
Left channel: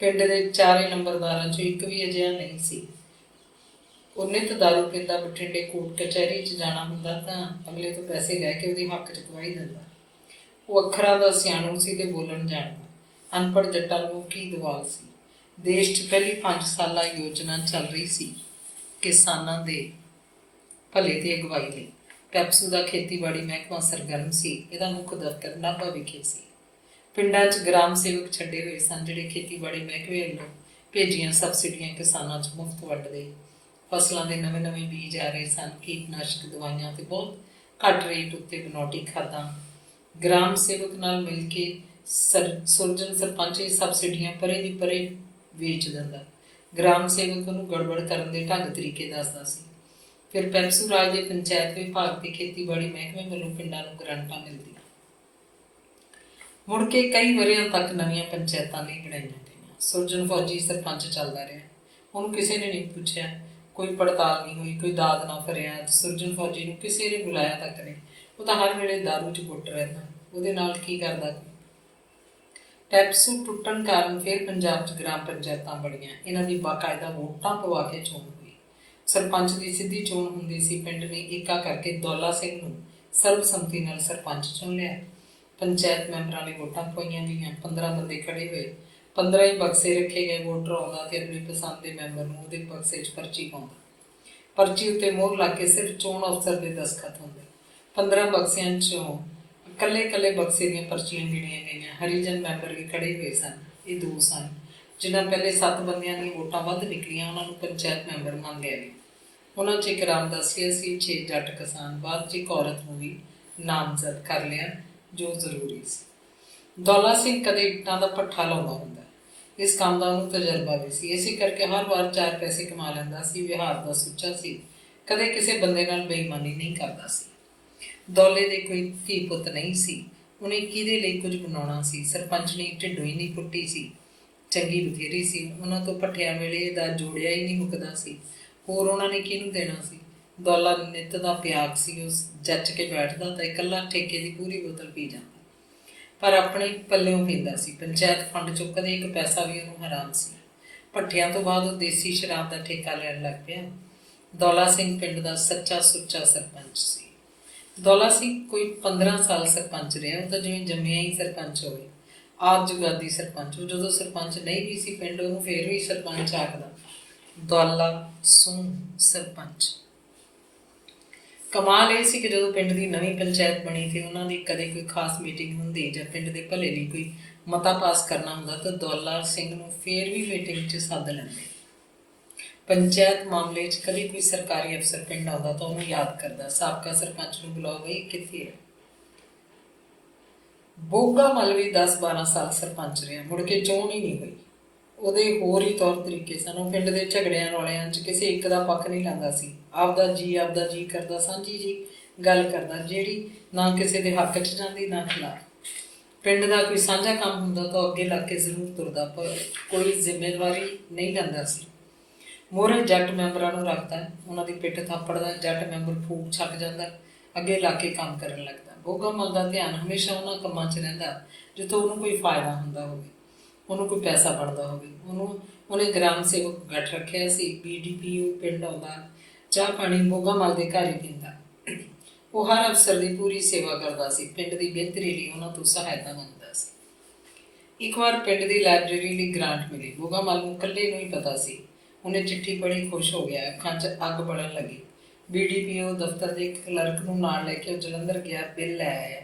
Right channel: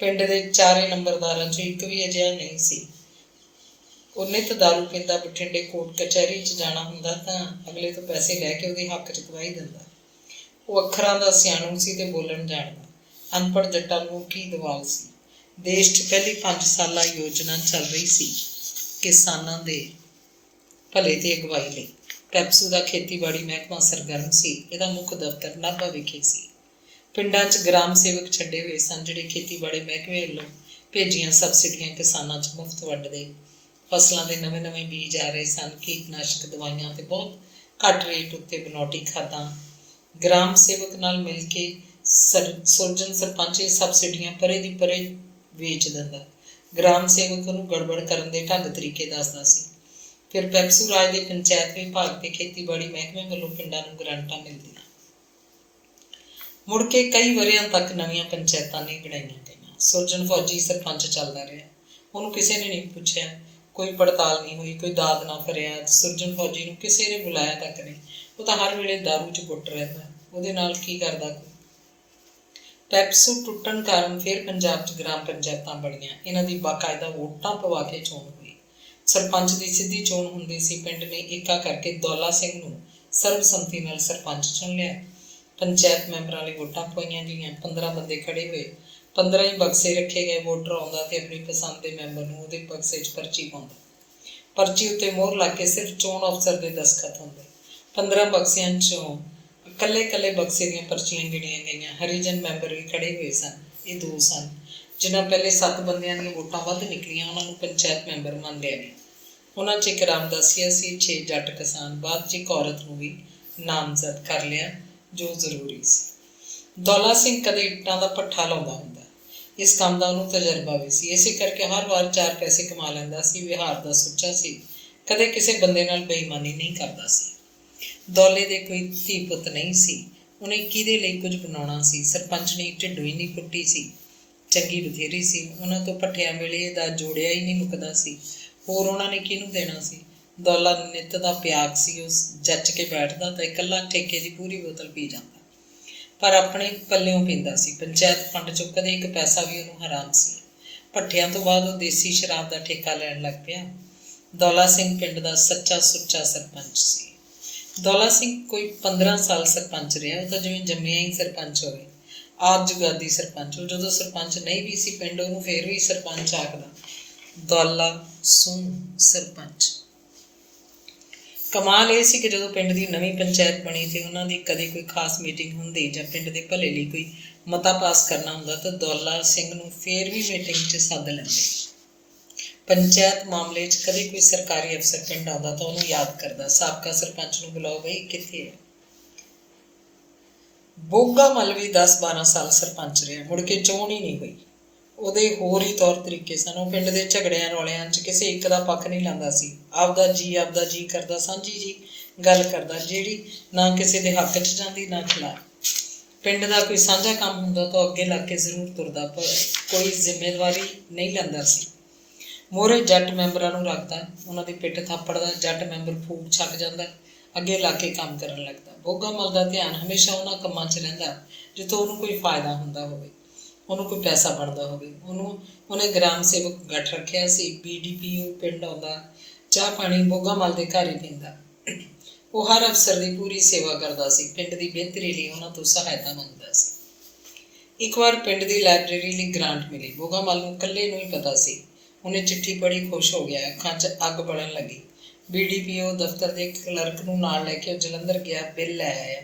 ਪਿੰਡ ਦੇ 4 ਨੰਬਰਦਾਰਾਂ 'ਚੋਂ ਇੱਕ ਵੀ ਅਜਿਹਾ ਨਹੀਂ ਸੀ। ਉਹ ਨਿੱਤ ਦਾਰੂ ਪੀਂਦਾ। ਬਠਿੰਡੇ ਕੋਰਟ ਕਚਹਿਰੀ 'ਚ ਜਾਣਾ ਹੁੰਦਾ ਤਾਂ ਅਗਲੇ ਤੋਂ ਪੈਸੇ ਲੈ ਕੇ ਉਹਦੇ ਹੱਕ 'ਚ ਗਵਾਹੀ ਦਿੰਦਾ। ਉਹ ਅੱਖਰਾਂ ਦਾ ਸਿਆਣੂ ਸੀ ਤੇ ਬੋਲਣ ਜਾਣਦਾ। ਅਨਪੜ੍ਹ ਜੱਟਾਂ ਨੂੰ ਕੀ ਦਵਾਲ ਸੀ। ਦੇਸ਼ 'ਚ ਪਹਿਲੀ 5 ਸਾਲਾ ਯੋਜਨਾ ਚੱਲ ਰਹੀ ਸੀ ਕਿਸਾਨਾਂ ਦੇ ਭਲੇ ਤੇ ਅਗਵਾਈ ਲਈ। ਪੈਪਸੂ ਦਾ ਖੇਤੀਬਾੜੀ ਮਹਿਕਮਾ ਸਰਗਰਮ ਸੀ। ਇਹਦਾ ਮੁੱਖ ਦਫ਼ਤਰ ਨਾਭਾ ਵਿਖੇ ਸੀ। ਪਿੰਡਾਂ 'ਚ ਗ੍ਰਾਮ ਸੇਵਕ ਛੱਡੇ ਹੋਏ ਸਨ, ਜਿਹੜੇ ਖੇਤੀਬਾੜੀ ਮਹਿਕਮੇ ਵੱਲੋਂ ਭੇਜੀਆਂ ਸਬਸਿਡੀਆਂ ਕਿਸਾਨਾਂ 'ਚ ਮੁਫਤ ਵੰਡਦੇ। ਫਸਲਾਂ ਦੇ ਨਵੇਂ ਬੀਜ ਆ ਰਹੇ ਸਨ, ਕੀਟਨਾਸ਼ਕ ਦਵਾਈਆਂ ਤੇ ਬਹੁਤ ਘੱਟ ਰੇਟ ਉੱਤੇ ਬਨੌਟੀ ਖਾਦਾਂ। ਗ੍ਰਾਮ ਸੇਵਕ ਨਾਲ ਮਿਲ ਕੇ ਸੁਰਜਣ ਸਰਪੰਚ ਇਹ ਸਬਸਿਡੀਆਂ ਪਰੇ ਦੀ ਪਰੇ ਵੇਚ ਦਿੰਦਾ। ਗ੍ਰਾਮ ਸੇਵਕ ਉਹਨੂੰ ਗੜਬੜ ਕਰਨ ਦੇ ਢੰਗ ਤਰੀਕੇ ਦੱਸਦਾ ਸੀ। ਫਿਰ ਪੈਪਸੂ ਰਾਜ ਦੇ ਪੰਚਾਇਤ ਵਿਭਾਗ ਤੇ ਖੇਤੀਬਾੜੀ ਮਹਿਕਮੇ ਵੱਲੋਂ ਪਿੰਡਾਂ ਨੂੰ ਗ੍ਰਾਂਟਾਂ ਮਿਲਦੀਆਂ। ਮੁੜ ਕੇ ਕਈ ਵਰ੍ਹਿਆਂ ਤੱਕ ਨਵੀਆਂ ਪੰਚਾਇਤਾਂ ਨਹੀਂ ਬਣਾਈਆਂ ਗਈਆਂ। ਸੁਰਜਣ ਫੌਜੀ ਸਰਪੰਚ ਚੱਲਦਾ ਰਿਹਾ। ਉਹਨੂੰ ਕਿਸੇ ਨੇ ਨਹੀਂ ਪੁੱਛਿਆ, ਕੋਈ ਪੜਤਾਲ ਨਹੀਂ ਹੋਈ, ਕੋਈ ਦਾਦ ਨਾ ਫਰਿਆਦ। ਸੁਰਜਣ ਫੌਜੀ ਨੂੰ ਕਿਸੇ ਨੇ ਬੁਲਾਇਆ ਤੱਕ ਨਹੀਂ। ਉਹ ਤਾਂ ਹਰ ਵੇਲੇ ਦਾਰੂ 'ਚ ਗੁੱਟ ਰਹਿੰਦਾ। ਉਹਦੇ ਨਾਲ ਕੀ ਕਰਦਾ ਕੋਈ। ਪੈਪਸੂ ਟੁੱਟਣ ਕਾਰਨ ਫਿਰ ਪੰਜਾਬ 'ਚ ਗ੍ਰਾਮ ਪੰਚਾਇਤਾਂ ਬਣੀਆਂ। ਇਹਨਾਂ ਦੀ ਬਾਕਾਇਦਾ ਵੋਟਾਂ ਪਵਾ ਕੇ ਚੋਣ ਹੋਈ। ਸਰਪੰਚ ਦੀ ਸਿੱਧੀ ਚੋਣ ਹੁੰਦੀ ਸੀ। ਪਿੰਡ ਨੇ ਏਕਾ ਕਰਕੇ ਦੌਲਾ ਸਿੰਘ ਨੂੰ ਸਰਬਸੰਮਤੀ ਨਾਲ ਸਰਪੰਚ ਚੁਣ ਲਿਆ। ਪੰਚਾਇਤ ਮੈਂਬਰਾਂ ਲਈ ਵੋਟਾਂ ਪਵਾਈਆਂ ਗਈਆਂ। 15 ਬੰਦੇ ਖੜ੍ਹੇ ਹੋਏ, 15 ਹੀ ਬਕਸੇ ਰੱਖੇ ਗਏ। ਵੋਟਰ ਆਉਂਦਾ ਤੇ ਆਪਣੀ ਪਸੰਦ ਦੇ ਮੈਂਬਰ ਨੂੰ ਉਹਦੇ ਬਕਸੇ 'ਚ ਪਰਚੀ ਪਾਉਂਦਾ। ਪਰਚੀ ਉੱਤੇ ਮੋਹਰ ਲਾ ਕੇ ਸਿਰਫ ਚੋਣ ਅਫਸਰ ਦੇ ਦਸਤਖਤ ਹੁੰਦੇ। 15 ਬਕਸਿਆਂ 'ਚੋਂ ਇਕੱਲੇ ਬਕਸੇ ਦੀਆਂ ਪਰਚੀਆਂ ਗਿਣੀਆਂ ਗਈਆਂ। ਹਰੀਜਨ ਮੈਂਬਰ ਵੀ ਖੜ੍ਹੇ ਹੋਏ ਸਨ। ਇਹ 2 ਸਨ। ਜਿਨ੍ਹਾਂ ਪਹਿਲੇ 7 ਬੰਦਿਆਂ ਦੀਆਂ ਵੋਟਾਂ ਵੱਧ ਨਿਕਲੀਆਂ, ਉਹਨਾਂ ਨੂੰ ਪੰਚਾਇਤ ਮੈਂਬਰ ਮੰਨ ਲਿਆ ਗਿਆ। ਉਹਨਾਂ 'ਚ ਇੱਕ ਰਾਮਦਾਸੀਆ ਸੀ, 6 ਜੱਟ ਕਿਸਾਨ। ਬਾਅਦ 'ਚ ਇੱਕ ਔਰਤ ਨੂੰ ਵੀ ਨਾਮਜ਼ਦ ਕਰ ਲਿਆ, ਜੋ ਜ਼ਰੂਰੀ ਸੀ। ਦੌਲਾ ਸਿੰਘ ਕਦੇ ਇੱਟਾਂ ਦਾ ਭੱਠਾ ਲਾਉਂਦਾ ਹੁੰਦਾ। ਇਸ ਕੰਮ ਦਾ ਉਹਨੂੰ ਤਜਰਬਾ ਵੀ ਸੀ। ਇਸੇ ਕਰਕੇ ਹਰ ਵਾਰ 4 ਪੈਸੇ ਕਮਾ ਲੈਂਦਾ ਸੀ। ਵਿਹਾਰ ਦਾ ਸੁੱਚਾ ਸੀ, ਕਦੇ ਕਿਸੇ ਬੰਦੇ ਨਾਲ ਬੇਈਮਾਨੀ ਨਹੀਂ ਕਰਦਾ ਸੀ। ਦੌਲੇ ਦੇ ਕੋਈ ਧੀ ਪੁੱਤ ਨਹੀਂ ਸੀ। ਉਹਨੇ ਕਿਹਦੇ ਲਈ ਕੁਝ ਬਣਾਉਣਾ ਸੀ। ਸਰਪੰਚ ਨੇ ਢਿੱਡੋਂ ਹੀ ਨਹੀਂ ਪੁੱਟੀ ਸੀ। ਚੰਗੀ ਬਥੇਰੀ ਸੀ। ਉਹਨਾਂ ਤੋਂ ਭੱਠਿਆਂ ਵੇਲੇ ਦਾ ਜੋੜਿਆ ਹੀ ਨਹੀਂ ਮੁੱਕਦਾ ਸੀ। ਹੋਰ ਉਹਨਾਂ ਨੇ ਕਿਹਨੂੰ ਦੇਣਾ ਸੀ? ਦੌਲਾ ਨਿੱਤ ਦਾ ਪਿਆਗ ਸੀ। ਉਸ ਜੱਚ ਕੇ ਬੈਠਦਾ ਤਾਂ ਇਕੱਲਾ ਠੇਕੇ ਦੀ ਪੂਰੀ ਬੋਤਲ ਪੀ ਜਾਂਦਾ, ਪਰ ਆਪਣੇ ਪੱਲਿਓਂ ਪੀਂਦਾ ਸੀ। ਪੰਚਾਇਤ ਫੰਡ ਚੋਂ ਕਦੇ ਇੱਕ ਪੈਸਾ ਵੀ ਉਹਨੂੰ ਹਰਾਮ ਸੀ। ਭੱਠਿਆਂ ਤੋਂ ਬਾਅਦ ਉਹ ਦੇਸੀ ਸ਼ਰਾਬ ਦਾ ਠੇਕਾ ਲੈਣ ਲੱਗ ਪਿਆ। ਦੌਲਾ ਸਿੰਘ ਪਿੰਡ ਦਾ ਸੱਚਾ ਸੁੱਚਾ ਸਰਪੰਚ ਸੀ। ਦੌਲਾ ਸਿੰਘ ਕੋਈ 15 ਸਾਲ ਸਰਪੰਚ ਰਿਹਾ। ਉਹ ਤਾਂ ਜਿਵੇਂ ਜੰਮਿਆ ਹੀ ਸਰਪੰਚ ਹੋਵੇ, ਆਦ ਜੁਗਾਦੀ ਸਰਪੰਚ। ਉਹ ਜਦੋਂ ਸਰਪੰਚ ਨਹੀਂ ਵੀ ਸੀ ਪਿੰਡ, ਉਹਨੂੰ ਫੇਰ ਵੀ ਸਰਪੰਚ ਆਖਦਾ। ਦੌਲਾ ਸਿੰਘ ਸਰਪੰਚ। ਕਮਾਲ ਇਹ ਸੀ ਕਿ ਜਦੋਂ ਪਿੰਡ ਦੀ ਨਵੀਂ ਪੰਚਾਇਤ ਬਣੀ ਤੇ ਉਹਨਾਂ ਦੀ ਕਦੇ ਕੋਈ ਖਾਸ ਮੀਟਿੰਗ ਹੁੰਦੀ ਜਾਂ ਪਿੰਡ ਦੇ ਭਲੇ ਲਈ ਕੋਈ ਮਤਾ ਪਾਸ ਕਰਨਾ ਹੁੰਦਾ ਤਾਂ ਦੌਲਾ ਸਿੰਘ ਨੂੰ ਫੇਰ ਵੀ ਮੀਟਿੰਗ 'ਚ ਸੱਦ ਲੈਂਦੇ। ਪੰਚਾਇਤ ਮਾਮਲੇ 'ਚ ਕਦੇ ਕੋਈ ਸਰਕਾਰੀ ਅਫਸਰ ਪਿੰਡ ਆਉਂਦਾ ਤਾਂ ਉਹਨੂੰ ਯਾਦ ਕਰਦਾ, ਸਾਬਕਾ ਸਰਪੰਚ ਨੂੰ ਬੁਲਾਓ ਬਈ, ਕਿੱਥੇ ਹੈ? ਬੋਗਾ ਮੱਲ ਵੀ 10-12 ਸਾਲ ਸਰਪੰਚ ਰਿਹਾ, ਮੁੜ ਕੇ ਚੋਣ ਹੀ ਨਹੀਂ ਹੋਈ। ਉਹਦੇ ਹੋਰ ਹੀ ਤੌਰ ਤਰੀਕੇ ਸਨ। ਉਹ ਪਿੰਡ ਦੇ ਝਗੜਿਆਂ ਰੌਲਿਆਂ 'ਚ ਕਿਸੇ ਇੱਕ ਦਾ ਪੱਖ ਨਹੀਂ ਲੈਂਦਾ ਸੀ। ਆਪਦਾ ਜੀ ਕਰਦਾ, ਸਾਂਝੀ ਜੀ ਗੱਲ ਕਰਦਾ, ਜਿਹੜੀ ਨਾ ਕਿਸੇ ਦੇ ਹੱਕ 'ਚ ਜਾਂਦੀ ਨਾ ਖਿਲਾਫ। ਪਿੰਡ ਦਾ ਕੋਈ ਸਾਂਝਾ ਕੰਮ ਹੁੰਦਾ ਤਾਂ ਅੱਗੇ ਲੱਗ ਕੇ ਜ਼ਰੂਰ ਤੁਰਦਾ, ਪਰ ਕੋਈ ਜ਼ਿੰਮੇਵਾਰੀ ਨਹੀਂ ਲੈਂਦਾ ਸੀ। ਮੋਹਰੇ ਜੱਟ ਮੈਂਬਰਾਂ ਨੂੰ ਰੱਖਦਾ, ਉਹਨਾਂ ਦੀ ਪਿੱਠ ਥਾਪੜਦਾ। ਜੱਟ ਮੈਂਬਰ ਫੂਕ ਛੱਕ ਜਾਂਦਾ, ਅੱਗੇ ਲੱਗ ਕੇ ਕੰਮ ਕਰਨ ਲੱਗਦਾ। ਬੋਗਾ ਮੱਲ ਦਾ ਧਿਆਨ ਹਮੇਸ਼ਾ ਉਹਨਾਂ ਕੰਮਾਂ 'ਚ ਰਹਿੰਦਾ ਜਿੱਥੋਂ ਉਹਨੂੰ ਕੋਈ ਫਾਇਦਾ ਹੁੰਦਾ ਹੋਵੇ, ਉਹਨੂੰ ਕੋਈ ਪੈਸਾ ਬਣਦਾ ਹੋਵੇ। ਉਹਨੇ ਗ੍ਰਾਮ ਸੇਵਕ ਗੱਠ ਰੱਖਿਆ ਸੀ। BDPO ਪਿੰਡ ਆਉਂਦਾ, ਚਾਹ ਪਾਣੀ ਬੋਗਾ ਮੱਲ ਦੇ ਘਰ ਹੀ ਪੀਂਦਾ। ਉਹ ਹਰ ਅਫਸਰ ਦੀ ਪੂਰੀ ਸੇਵਾ ਕਰਦਾ ਸੀ, ਪਿੰਡ ਦੀ ਬਿਹਤਰੀ ਲਈ ਉਹਨਾਂ ਤੋਂ ਸਹਾਇਤਾ ਮੰਗਦਾ ਸੀ। ਇੱਕ ਵਾਰ ਪਿੰਡ ਦੀ ਲਾਇਬ੍ਰੇਰੀ ਲਈ ਗ੍ਰਾਂਟ ਮਿਲੀ। ਬੋਗਾ ਮੱਲ ਨੂੰ ਇਕੱਲੇ ਨੂੰ ਹੀ ਪਤਾ ਸੀ। ਉਹਨੇ ਚਿੱਠੀ ਪੜ੍ਹੀ, ਖੁਸ਼ ਹੋ ਗਿਆ। ਅੱਖਾਂ 'ਚ ਅੱਗ ਬਲਣ ਲੱਗੀ। BDPO ਦਫ਼ਤਰ ਦੇ ਕਲਰਕ ਨੂੰ ਨਾਲ ਲੈ ਕੇ ਉਹ ਜਲੰਧਰ ਗਿਆ, ਬਿੱਲ ਲੈ ਆਇਆ।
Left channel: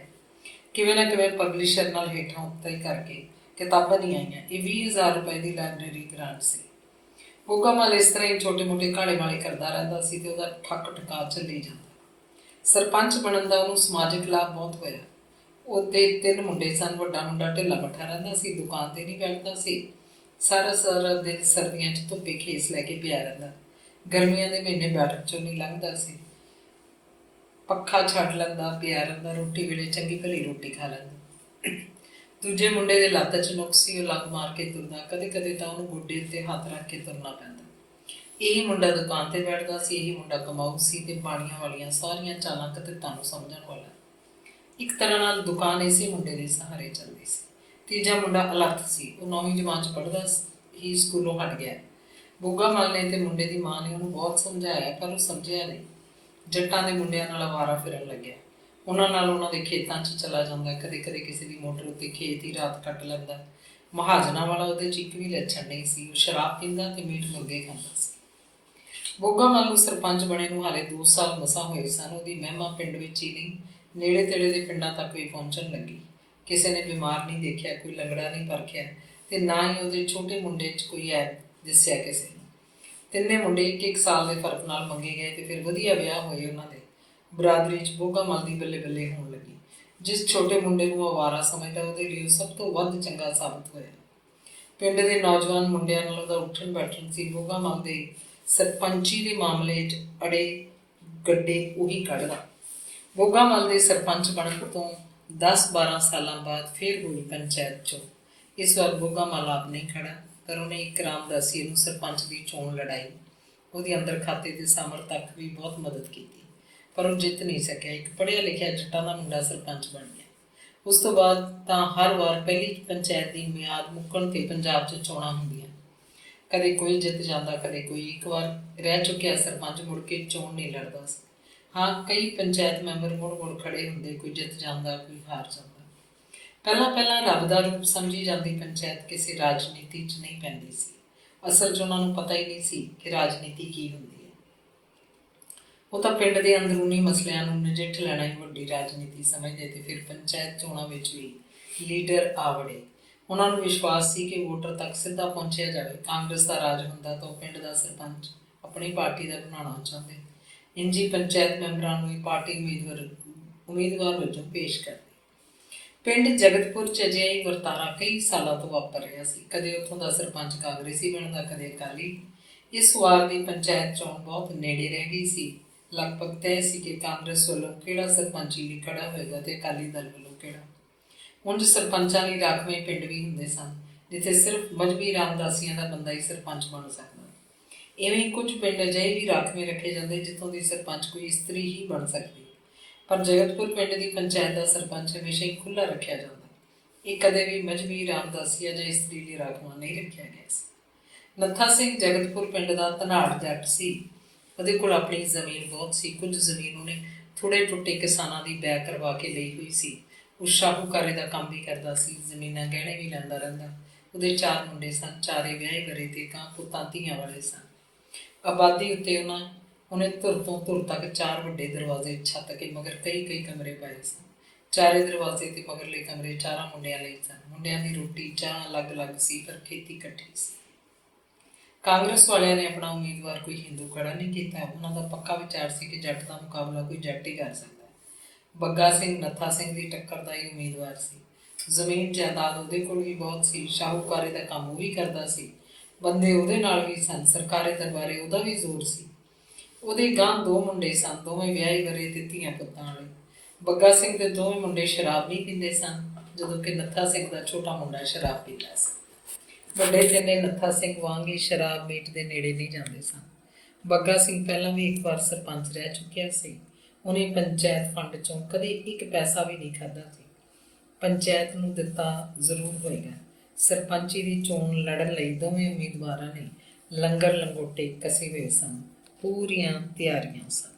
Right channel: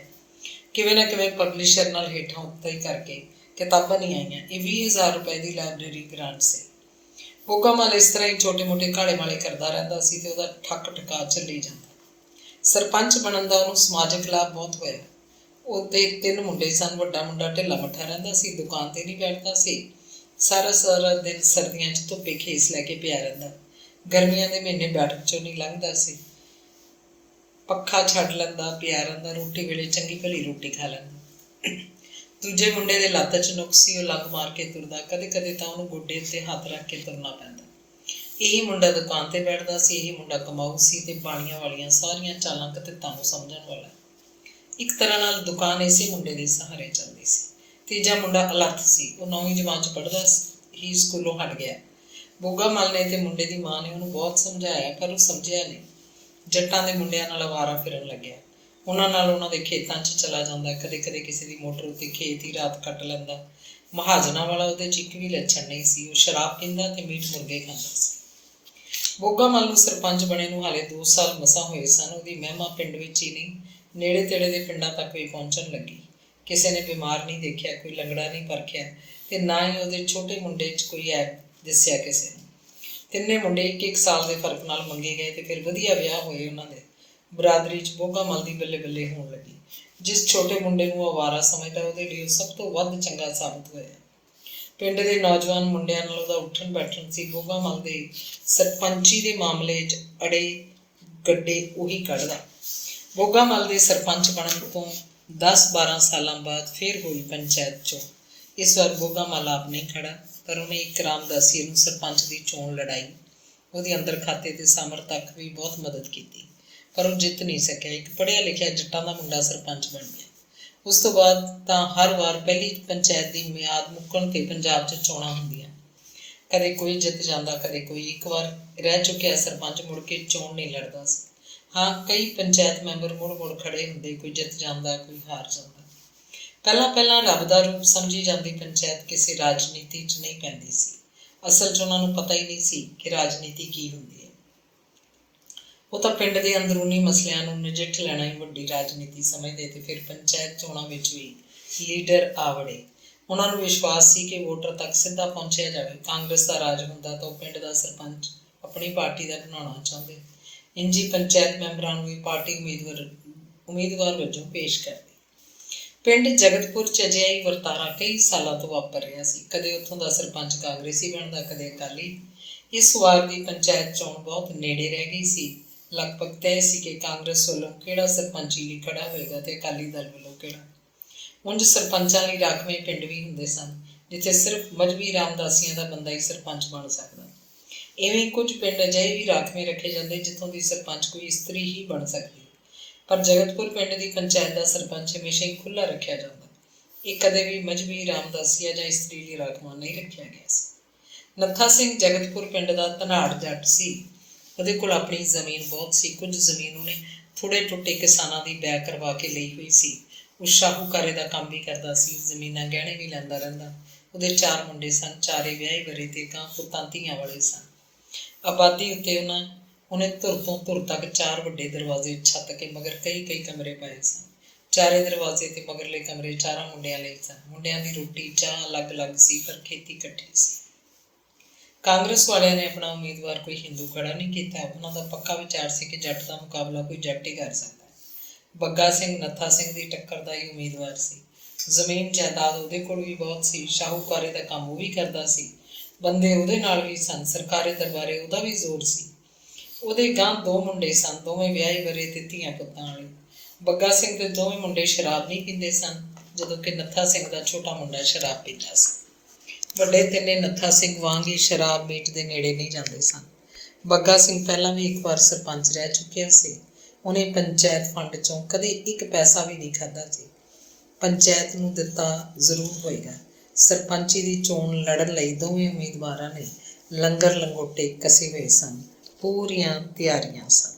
ਕਿਵੇਂ ਨਾ ਕਿਵੇਂ ਪਬਲਿਸ਼ਰ ਨਾਲ ਹੇਠਾਂ ਉੱਤੇ ਕਰਕੇ ਕਿਤਾਬਾਂ ਨਹੀਂ ਆਈਆਂ। ਇਹ 20,000 ਰੁਪਏ ਦੀ ਲਾਇਬ੍ਰੇਰੀ ਗ੍ਰਾਂਟ ਸੀ। ਬੋਗਾ ਮੱਲ ਇਸ ਤਰ੍ਹਾਂ ਹੀ ਛੋਟੇ ਮੋਟੇ ਘਾੜੇ ਵਾਲੇ ਕਰਦਾ ਰਹਿੰਦਾ ਸੀ ਤੇ ਉਹਦਾ ਠੱਕ ਠਕਾ ਚੱਲੀ ਜਾਂਦਾ। ਸਰਪੰਚ ਬਣਨ ਦਾ ਉਹਨੂੰ ਸਮਾਜਿਕ ਲਾਭ ਬਹੁਤ ਹੋਇਆ। ਉਹਦੇ 3 ਮੁੰਡੇ ਸਨ। ਵੱਡਾ ਮੁੰਡਾ ਢਿੱਲਾ ਮੱਠਾ ਰਹਿੰਦਾ ਸੀ, ਦੁਕਾਨ 'ਤੇ ਨਹੀਂ ਬੈਠਦਾ ਸੀ। ਸਾਰਾ ਦਿਨ ਸਰਦੀਆਂ 'ਚ ਧੁੱਪੇ ਖੇਸ ਲੈ ਕੇ ਪਿਆ ਰਹਿੰਦਾ। ਗਰਮੀਆਂ ਦੇ ਮਹੀਨੇ ਬੈਠਕ 'ਚੋਂ ਨਹੀਂ ਲੰਘਦਾ ਸੀ। ਪੱਖਾ ਛੱਡ ਲੈਂਦਾ, ਪਿਆ ਰਹਿੰਦਾ। ਰੋਟੀ ਵੇਲੇ ਚੰਗੀ ਭਲੀ ਰੋਟੀ ਖਾ ਲੈਂਦਾ। ਦੂਜੇ ਮੁੰਡੇ ਦੇ ਲੱਤ 'ਚ ਨੁਕਸ ਸੀ, ਉਹ ਲੱਗ ਮਾਰ ਕੇ ਤੁਰਦਾ। ਕਦੇ ਕਦੇ ਤਾਂ ਉਹਨੂੰ ਗੋਡੇ ਉੱਤੇ ਹੱਥ ਰੱਖ ਕੇ ਤੁਰਨਾ ਪੈਂਦਾ। ਇਹੀ ਮੁੰਡਾ ਦੁਕਾਨ 'ਤੇ ਬੈਠਦਾ ਸੀ। ਇਹੀ ਮੁੰਡਾ ਕਮਾਊ ਸੀ ਤੇ ਬਾਣੀਆਂ ਵਾਲੀਆਂ ਸਾਰੀਆਂ ਚਾਲਾਂ ਕਤਿੱਤਾਂ ਨੂੰ ਸਮਝਣ ਵਾਲਾ। ਇੱਕ ਤਰ੍ਹਾਂ ਨਾਲ ਦੁਕਾਨ ਇਸੇ ਮੁੰਡੇ ਦੇ ਸਹਾਰੇ ਚੱਲਦੀ ਸੀ। ਤੀਜਾ ਮੁੰਡਾ ਅਲੱਥ ਸੀ। ਉਹ 9ਵੀਂ ਜਮਾਤ 'ਚ ਪੜ੍ਹਦਾ ਹੀ ਸਕੂਲੋਂ ਹਟ ਗਿਆ। ਬੋਗਾ ਮੱਲ ਨੇ ਤੇ ਮੁੰਡੇ ਦੀ ਮਾਂ ਨੇ ਉਹਨੂੰ ਬਹੁਤ ਸਮਝਾਇਆ, ਪਰ ਉਹ ਸਮਝਿਆ ਨਹੀਂ। ਜੱਟਾਂ ਦੇ ਮੁੰਡਿਆਂ ਨਾਲ ਅਵਾਰਾ ਫਿਰਨ ਲੱਗਿਆ। ਉਹਨਾਂ ਨਾਲ ਉਹਨਾਂ ਦੇ ਖੇਤਾਂ 'ਚ ਚਲਾ ਜਾਂਦਾ। ਕਦੇ ਕਦੇ ਕਿਸੇ ਦੀ ਮੋਟਰ ਉੱਤੇ ਖੇਤ ਹੀ ਰਾਤ ਕੱਟ ਲੈਂਦਾ। ਮਹਾਜਨਾਂ ਵਾਲਾ ਉਹਦੇ 'ਚ ਇੱਕ ਵੀ ਲੱਛਣ ਨਹੀਂ ਸੀ। ਉਹ ਸ਼ਰਾਬ ਪੀਂਦਾ ਤੇ ਮੀਟ ਮੁਰਗੇ ਖਾਂਦਾ ਸੀ। ਬੋਗਾ ਮੱਲ ਨੂੰ ਸਰਪੰਚ ਬਣੇ ਨੂੰ ਹਾਲੇ 2 ਸਾਲ ਮਸਾਂ ਹੋਏ ਸਨ। ਉਹਦੀ ਮਹਿਮਾ ਪਿੰਡ ਵਿੱਚ ਹੀ ਨਹੀਂ, ਨੇੜੇ ਤੇੜੇ ਦੇ ਪਿੰਡਾਂ ਤੱਕ ਵੀ ਪਹੁੰਚਣ ਲੱਗੀ। ਕਿਸੇ ਨੇ ਬਿਮਾਰ ਨਹੀਂ ਦੇਖਿਆ, ਕੋਈ ਲੰਗੜਾ ਨਹੀਂ ਪਰਖਿਆ ਤੇ ਨਾ ਹੀ ਉਹਦੇ ਛੋਟੇ ਮੁੰਡੇ 'ਚ ਕੋਈ ਐਬ ਦਿਸਿਆ ਕਿਸੇ ਨੂੰ। 3 ਮੁੰਡੇ 1-1 ਸਾਲ ਦੇ ਫਰਕ ਨਾਲ ਮੰਗੇ ਗਏ ਤੇ ਫਿਰ ਵਧੀਆ ਵਿਆਹ ਹੋਏ ਉਹਨਾਂ ਦੇ। ਬਰਾਦਰੀ 'ਚ ਬੋਗਾ ਮੱਲ ਦੀ ਬੱਲੇ ਬੱਲੇ ਹੋਣ ਲੱਗੀ। ਜਿਸ ਛੋਟੇ ਮੁੰਡੇ ਨੂੰ ਅਵਾਰਾ ਸਮਝਦਾ, ਉਹਦੇ ਲਈ ਉਹ ਸਭ ਤੋਂ ਵੱਧ ਚੰਗਾ ਸਾਬਤ ਹੋਇਆ। ਪਿੰਡ ਦੇ ਨੌਜਵਾਨ ਮੁੰਡਿਆਂ ਨਾਲ ਉਹਦਾ ਉੱਠਣ ਬੈਠਣ ਸੀ। ਬੋਗਾ ਮੱਲ ਦੇ ਸਰਪੰਚੀ ਦੇ ਮਾਮਲੇ 'ਚ ਅੜੇ ਗੱਡੇ ਉਹੀ ਕੱਢਦਾ। ਬੋਗਾ ਮੱਲ ਦੇ ਸਰਪੰਚ ਬਣਨ ਤੋਂ 10-12 ਸਾਲਾਂ ਬਾਅਦ ਫਿਰ ਹੋਈ ਪੰਚਾਇਤ ਚੋਣ। ਇਸ ਵਾਰ ਬੋਗਾ ਮੱਲ ਆਪ ਨਹੀਂ ਖੜਾ, ਪਰ ਉਹਨੇ ਇੱਕ ਰਾਮਦਾਸੀ ਨੂੰ ਸਰਪੰਚ ਦੀ ਚੋਣ ਲੜਾਈ। ਉਹਦੀ ਅੰਦਰ ਖਾਤੇ ਤੇ ਸਾਮਰ ਤੱਕ ਵੀ ਬਹੁਤ ਮਦਦ ਕੀਤੀ, ਪਰ ਉਹ ਜਿੱਤ ਨਹੀਂ ਸਕਿਆ। ਇੱਕ ਪੜ੍ਹਿਆ ਲਿਖਿਆ ਜੱਟਾਂ ਦਾ ਮੁੰਡਾ ਸਰਪੰਚ ਬਣ ਗਿਆ। ਉਸ ਤੋਂ ਬਾਅਦ ਤਾਂ ਹਰ ਵਾਰ ਪਹਿਲੀ ਪੰਚਾਇਤ ਦੀ ਮਿਆਦ ਮੁੱਕਣ 'ਤੇ ਪੰਜਾਬ 'ਚ ਚੋਣਾਂ ਹੁੰਦੀਆਂ। ਕਦੇ ਕੋਈ ਜਿੱਤ ਜਾਂਦਾ, ਕਦੇ ਕੋਈ। ਇੱਕ ਵਾਰ ਰਹਿ ਚੁੱਕਿਆ ਸਰਪੰਚ ਮੁੜ ਕੇ ਚੋਣ ਨਹੀਂ ਲੜਦਾ ਸੀ। ਹਾਂ, ਕਈ ਪੰਚਾਇਤ ਮੈਂਬਰ ਮੁੜ ਖੜੇ ਹੁੰਦੇ, ਕੋਈ ਜਿੱਤ ਜਾਂਦਾ, ਕੋਈ ਹਾਰ ਜਾਂਦਾ। ਪਹਿਲਾਂ ਰੱਬ ਦਾ ਰੂਪ ਸਮਝੀ ਜਾਂਦੀ ਪੰਚਾਇਤ ਕਿਸੇ ਰਾਜਨੀਤੀ 'ਚ ਨਹੀਂ ਪੈਂਦੀ ਸੀ। ਅਸਲ 'ਚ ਉਹਨਾਂ ਨੂੰ ਪਤਾ ਹੀ ਨਹੀਂ ਸੀ ਕਿ ਰਾਜਨੀਤੀ ਕੀ ਹੁੰਦੀ ਹੈ। ਉਹ ਤਾਂ ਪਿੰਡ ਦੇ ਅੰਦਰੂਨੀ ਮਸਲਿਆਂ ਨੂੰ ਨਜਿੱਠ ਲੈਣਾ ਹੀ ਵੱਡੀ ਰਾਜਨੀਤੀ ਸਮਝਦੇ ਤੇ ਫਿਰ ਪੰਚਾਇਤ ਚੋਣਾਂ ਵਿੱਚ ਵੀ ਲੀਡਰ ਆ ਵੜੇ। ਉਹਨਾਂ ਨੂੰ ਵਿਸ਼ਵਾਸ ਸੀ ਕਿ ਵੋਟਰ ਤੱਕ ਸਿੱਧਾ ਪਹੁੰਚਿਆ ਜਾਵੇ। ਕਾਂਗਰਸ ਦਾ ਰਾਜ ਹੁੰਦਾ ਤਾਂ ਉਹ ਪਿੰਡ ਦਾ ਸਰਪੰਚ ਆਪਣੀ ਪਾਰਟੀ ਦਾ ਬਣਾਉਣਾ ਚਾਹੁੰਦੇ। ਇੰਜੀ ਪੰਚਾਇਤ ਮੈਂਬਰਾਂ ਨੂੰ ਵੀ ਪਾਰਟੀ ਉਮੀਦਵਾਰ ਵਜੋਂ ਪੇਸ਼ ਕਰਦੇ। ਪਿੰਡ ਜਗਤਪੁਰ 'ਚ ਅਜਿਹਾ ਹੀ ਵਰਤਾਰਾ ਕਈ ਸਾਲਾਂ ਤੋਂ ਵਾਪਰ ਰਿਹਾ ਸੀ। ਕਦੇ ਉੱਥੋਂ ਦਾ ਸਰਪੰਚ ਕਾਂਗਰਸੀ ਬਣਦਾ, ਕਦੇ ਅਕਾਲੀ। ਇਸ ਵਾਰ ਦੀ ਪੰਚਾਇਤ ਚੋਣ ਬਹੁਤ ਨੇੜੇ ਰਹਿ ਗਈ ਸੀ। ਲਗਭਗ ਤੈਅ ਸੀ ਕਿ ਕਾਂਗਰਸ ਵੱਲੋਂ ਕਿਹੜਾ ਸਰਪੰਚੀ ਲਈ ਖੜਾ ਹੋਏਗਾ ਤੇ ਅਕਾਲੀ ਦਲ ਵੱਲੋਂ ਕਿਹੜਾ। ਉਂਝ ਸਰਪੰਚਾਂ ਲਈ ਰਾਖਵੇਂ ਪਿੰਡ ਵੀ ਹੁੰਦੇ ਸਨ। ਜਿੱਥੇ ਸਿਰਫ ਮਜ਼੍ਹਬੀ ਰਾਮਦਾਸੀਆਂ ਦਾ ਬੰਦਾ ਹੀ ਸਰਪੰਚ ਬਣ ਸਕਦਾ। ਇਵੇਂ ਕੁਝ ਪਿੰਡ ਅਜਿਹੇ ਵੀ ਰਾਖਵੇਂ ਰੱਖੇ ਜਾਂਦੇ ਜਿੱਥੋਂ ਦੀ ਸਰਪੰਚ ਕੋਈ ਇਸਤਰੀ ਹੀ ਬਣ ਸਕਦੀ, ਪਰ ਜਗਤਪੁਰ ਪਿੰਡ ਦੀ ਪੰਚਾਇਤ ਦਾ ਸਰਪੰਚ ਹਮੇਸ਼ਾ ਹੀ ਖੁੱਲ੍ਹਾ ਰੱਖਿਆ ਜਾਂਦਾ। ਇਹ ਕਦੇ ਵੀ ਮਜ਼੍ਹਬੀ ਰਾਮਦਾਸੀਆ ਜਾਂ ਇਸਤਰੀ ਲਈ ਰਾਖਵਾਂ ਨਹੀਂ ਰੱਖਿਆ ਗਿਆ ਸੀ। ਨੱਥਾ ਸਿੰਘ ਜਗਤਪੁਰ ਪਿੰਡ ਦਾ ਧਨਾੜ ਜੱਟ ਸੀ। ਉਹਦੇ ਕੋਲ ਆਪਣੀ ਜ਼ਮੀਨ ਬਹੁਤ ਸੀ। ਕੁਝ ਜ਼ਮੀਨ ਉਹਨੇ ਥੋੜ੍ਹੇ ਟੁੱਟੇ ਕਿਸਾਨਾਂ ਦੀ ਬੈਅ ਕਰਵਾ ਕੇ ਲਈ ਹੋਈ ਸੀ। ਉਹ ਸ਼ਾਹੂਕਾਰੇ ਦਾ ਕੰਮ ਵੀ ਕਰਦਾ ਸੀ, ਜ਼ਮੀਨਾਂ ਗਹਿਣੇ ਵੀ ਲੈਂਦਾ ਰਹਿੰਦਾ। ਉਹਦੇ 4 ਮੁੰਡੇ ਸਨ, ਚਾਰੇ ਵਿਆਹੇ ਵਰੇ ਤੇ ਗਾਂ ਪੁੱਤਾਂ ਧੀਆਂ ਵਾਲੇ ਸਨ। ਆਬਾਦੀ ਉੱਤੇ ਉਹਨੇ ਧੁਰ ਤੋਂ ਧੁਰ ਤੱਕ 4 ਵੱਡੇ ਦਰਵਾਜ਼ੇ ਛੱਤ ਕੇ ਮਗਰ ਕਈ ਕਮਰੇ ਪਾਏ ਸਨ। ਚਾਰੇ ਦਰਵਾਜ਼ੇ ਤੇ ਮਗਰਲੇ ਕਮਰੇ 4 ਮੁੰਡਿਆਂ ਲਈ ਸਨ। ਮੁੰਡਿਆਂ ਦੀ ਰੋਟੀ ਚਾਹ ਅਲੱਗ-ਅਲੱਗ ਸੀ, ਪਰ ਖੇਤੀ ਇਕੱਠੀ ਸੀ। ਕਾਂਗਰਸ ਵਾਲਿਆਂ ਨੇ ਆਪਣਾ ਉਮੀਦਵਾਰ ਕੋਈ ਹਿੰਦੂ ਖੜਾ ਨਹੀਂ ਕੀਤਾ। ਉਹਨਾਂ ਦਾ ਪੱਕਾ ਵਿਚਾਰ ਸੀ ਕਿ ਜੱਟ ਦਾ ਮੁਕਾਬਲਾ ਕੋਈ ਜੱਟ ਹੀ ਕਰ ਸਕਦਾ। ਬੱਗਾ ਸਿੰਘ ਨੱਥਾ ਸਿੰਘ ਦੀ ਟੱਕਰ ਦਾ ਹੀ ਉਮੀਦਵਾਰ ਸੀ। ਜ਼ਮੀਨ ਜਾਇਦਾਦ ਉਹਦੇ ਕੋਲ ਵੀ ਬਹੁਤ ਸੀ। ਸ਼ਾਹੂਕਾਰੇ ਦਾ ਕੰਮ ਉਹ ਵੀ ਕਰਦਾ ਸੀ। ਬੰਦੇ ਉਹਦੇ ਨਾਲ ਵੀ ਸਨ। ਸਰਕਾਰੀ ਦਰਬਾਰੇ ਉਹਦਾ ਵੀ ਜ਼ੋਰ ਸੀ। ਉਹਦੇ ਗਾਂ 2 ਮੁੰਡੇ ਸਨ, ਦੋਵੇਂ ਵਿਆਹੇ ਵਰੇ ਤੇ ਧੀਆਂ ਪੁੱਤਾਂ ਵਾਲੇ। ਬੱਗਾ ਸਿੰਘ ਦੇ ਦੋਵੇਂ ਮੁੰਡੇ ਸ਼ਰਾਬ ਨਹੀਂ ਪੀਂਦੇ ਸਨ, ਜਦੋਂ ਕਿ ਨੱਥਾ ਸਿੰਘ ਦਾ ਛੋਟਾ ਮੁੰਡਾ ਸ਼ਰਾਬ ਪੀਂਦਾ ਸੀ। ਵੱਡੇ ਤਿੰਨੇ ਨੱਥਾ ਸਿੰਘ ਵਾਂਗ ਹੀ ਸ਼ਰਾਬ ਮੀਟ ਦੇ ਨੇੜੇ ਨਹੀਂ ਜਾਂਦੇ ਸਨ। ਬੱਗਾ ਸਿੰਘ ਪਹਿਲਾਂ ਵੀ ਇੱਕ ਵਾਰ ਸਰਪੰਚ ਰਹਿ ਚੁੱਕਿਆ ਸੀ। ਉਹਨੇ ਪੰਚਾਇਤ ਫੰਡ 'ਚੋਂ ਕਦੇ 1 ਪੈਸਾ ਵੀ ਨਹੀਂ ਖਾਧਾ ਸੀ। ਪੰਚਾਇਤ ਨੂੰ ਦਿੱਤਾ ਜ਼ਰੂਰ ਹੋਏਗਾ। ਸਰਪੰਚੀ ਦੀ ਚੋਣ ਲੜਨ ਲਈ ਦੋਵੇਂ ਉਮੀਦਵਾਰਾਂ ਨੇ ਲੰਗਰ ਲੰਗੋਟੇ ਕਸੇ ਹੋਏ ਸਨ। ਪੂਰੀਆਂ ਤਿਆਰੀਆਂ ਸਨ।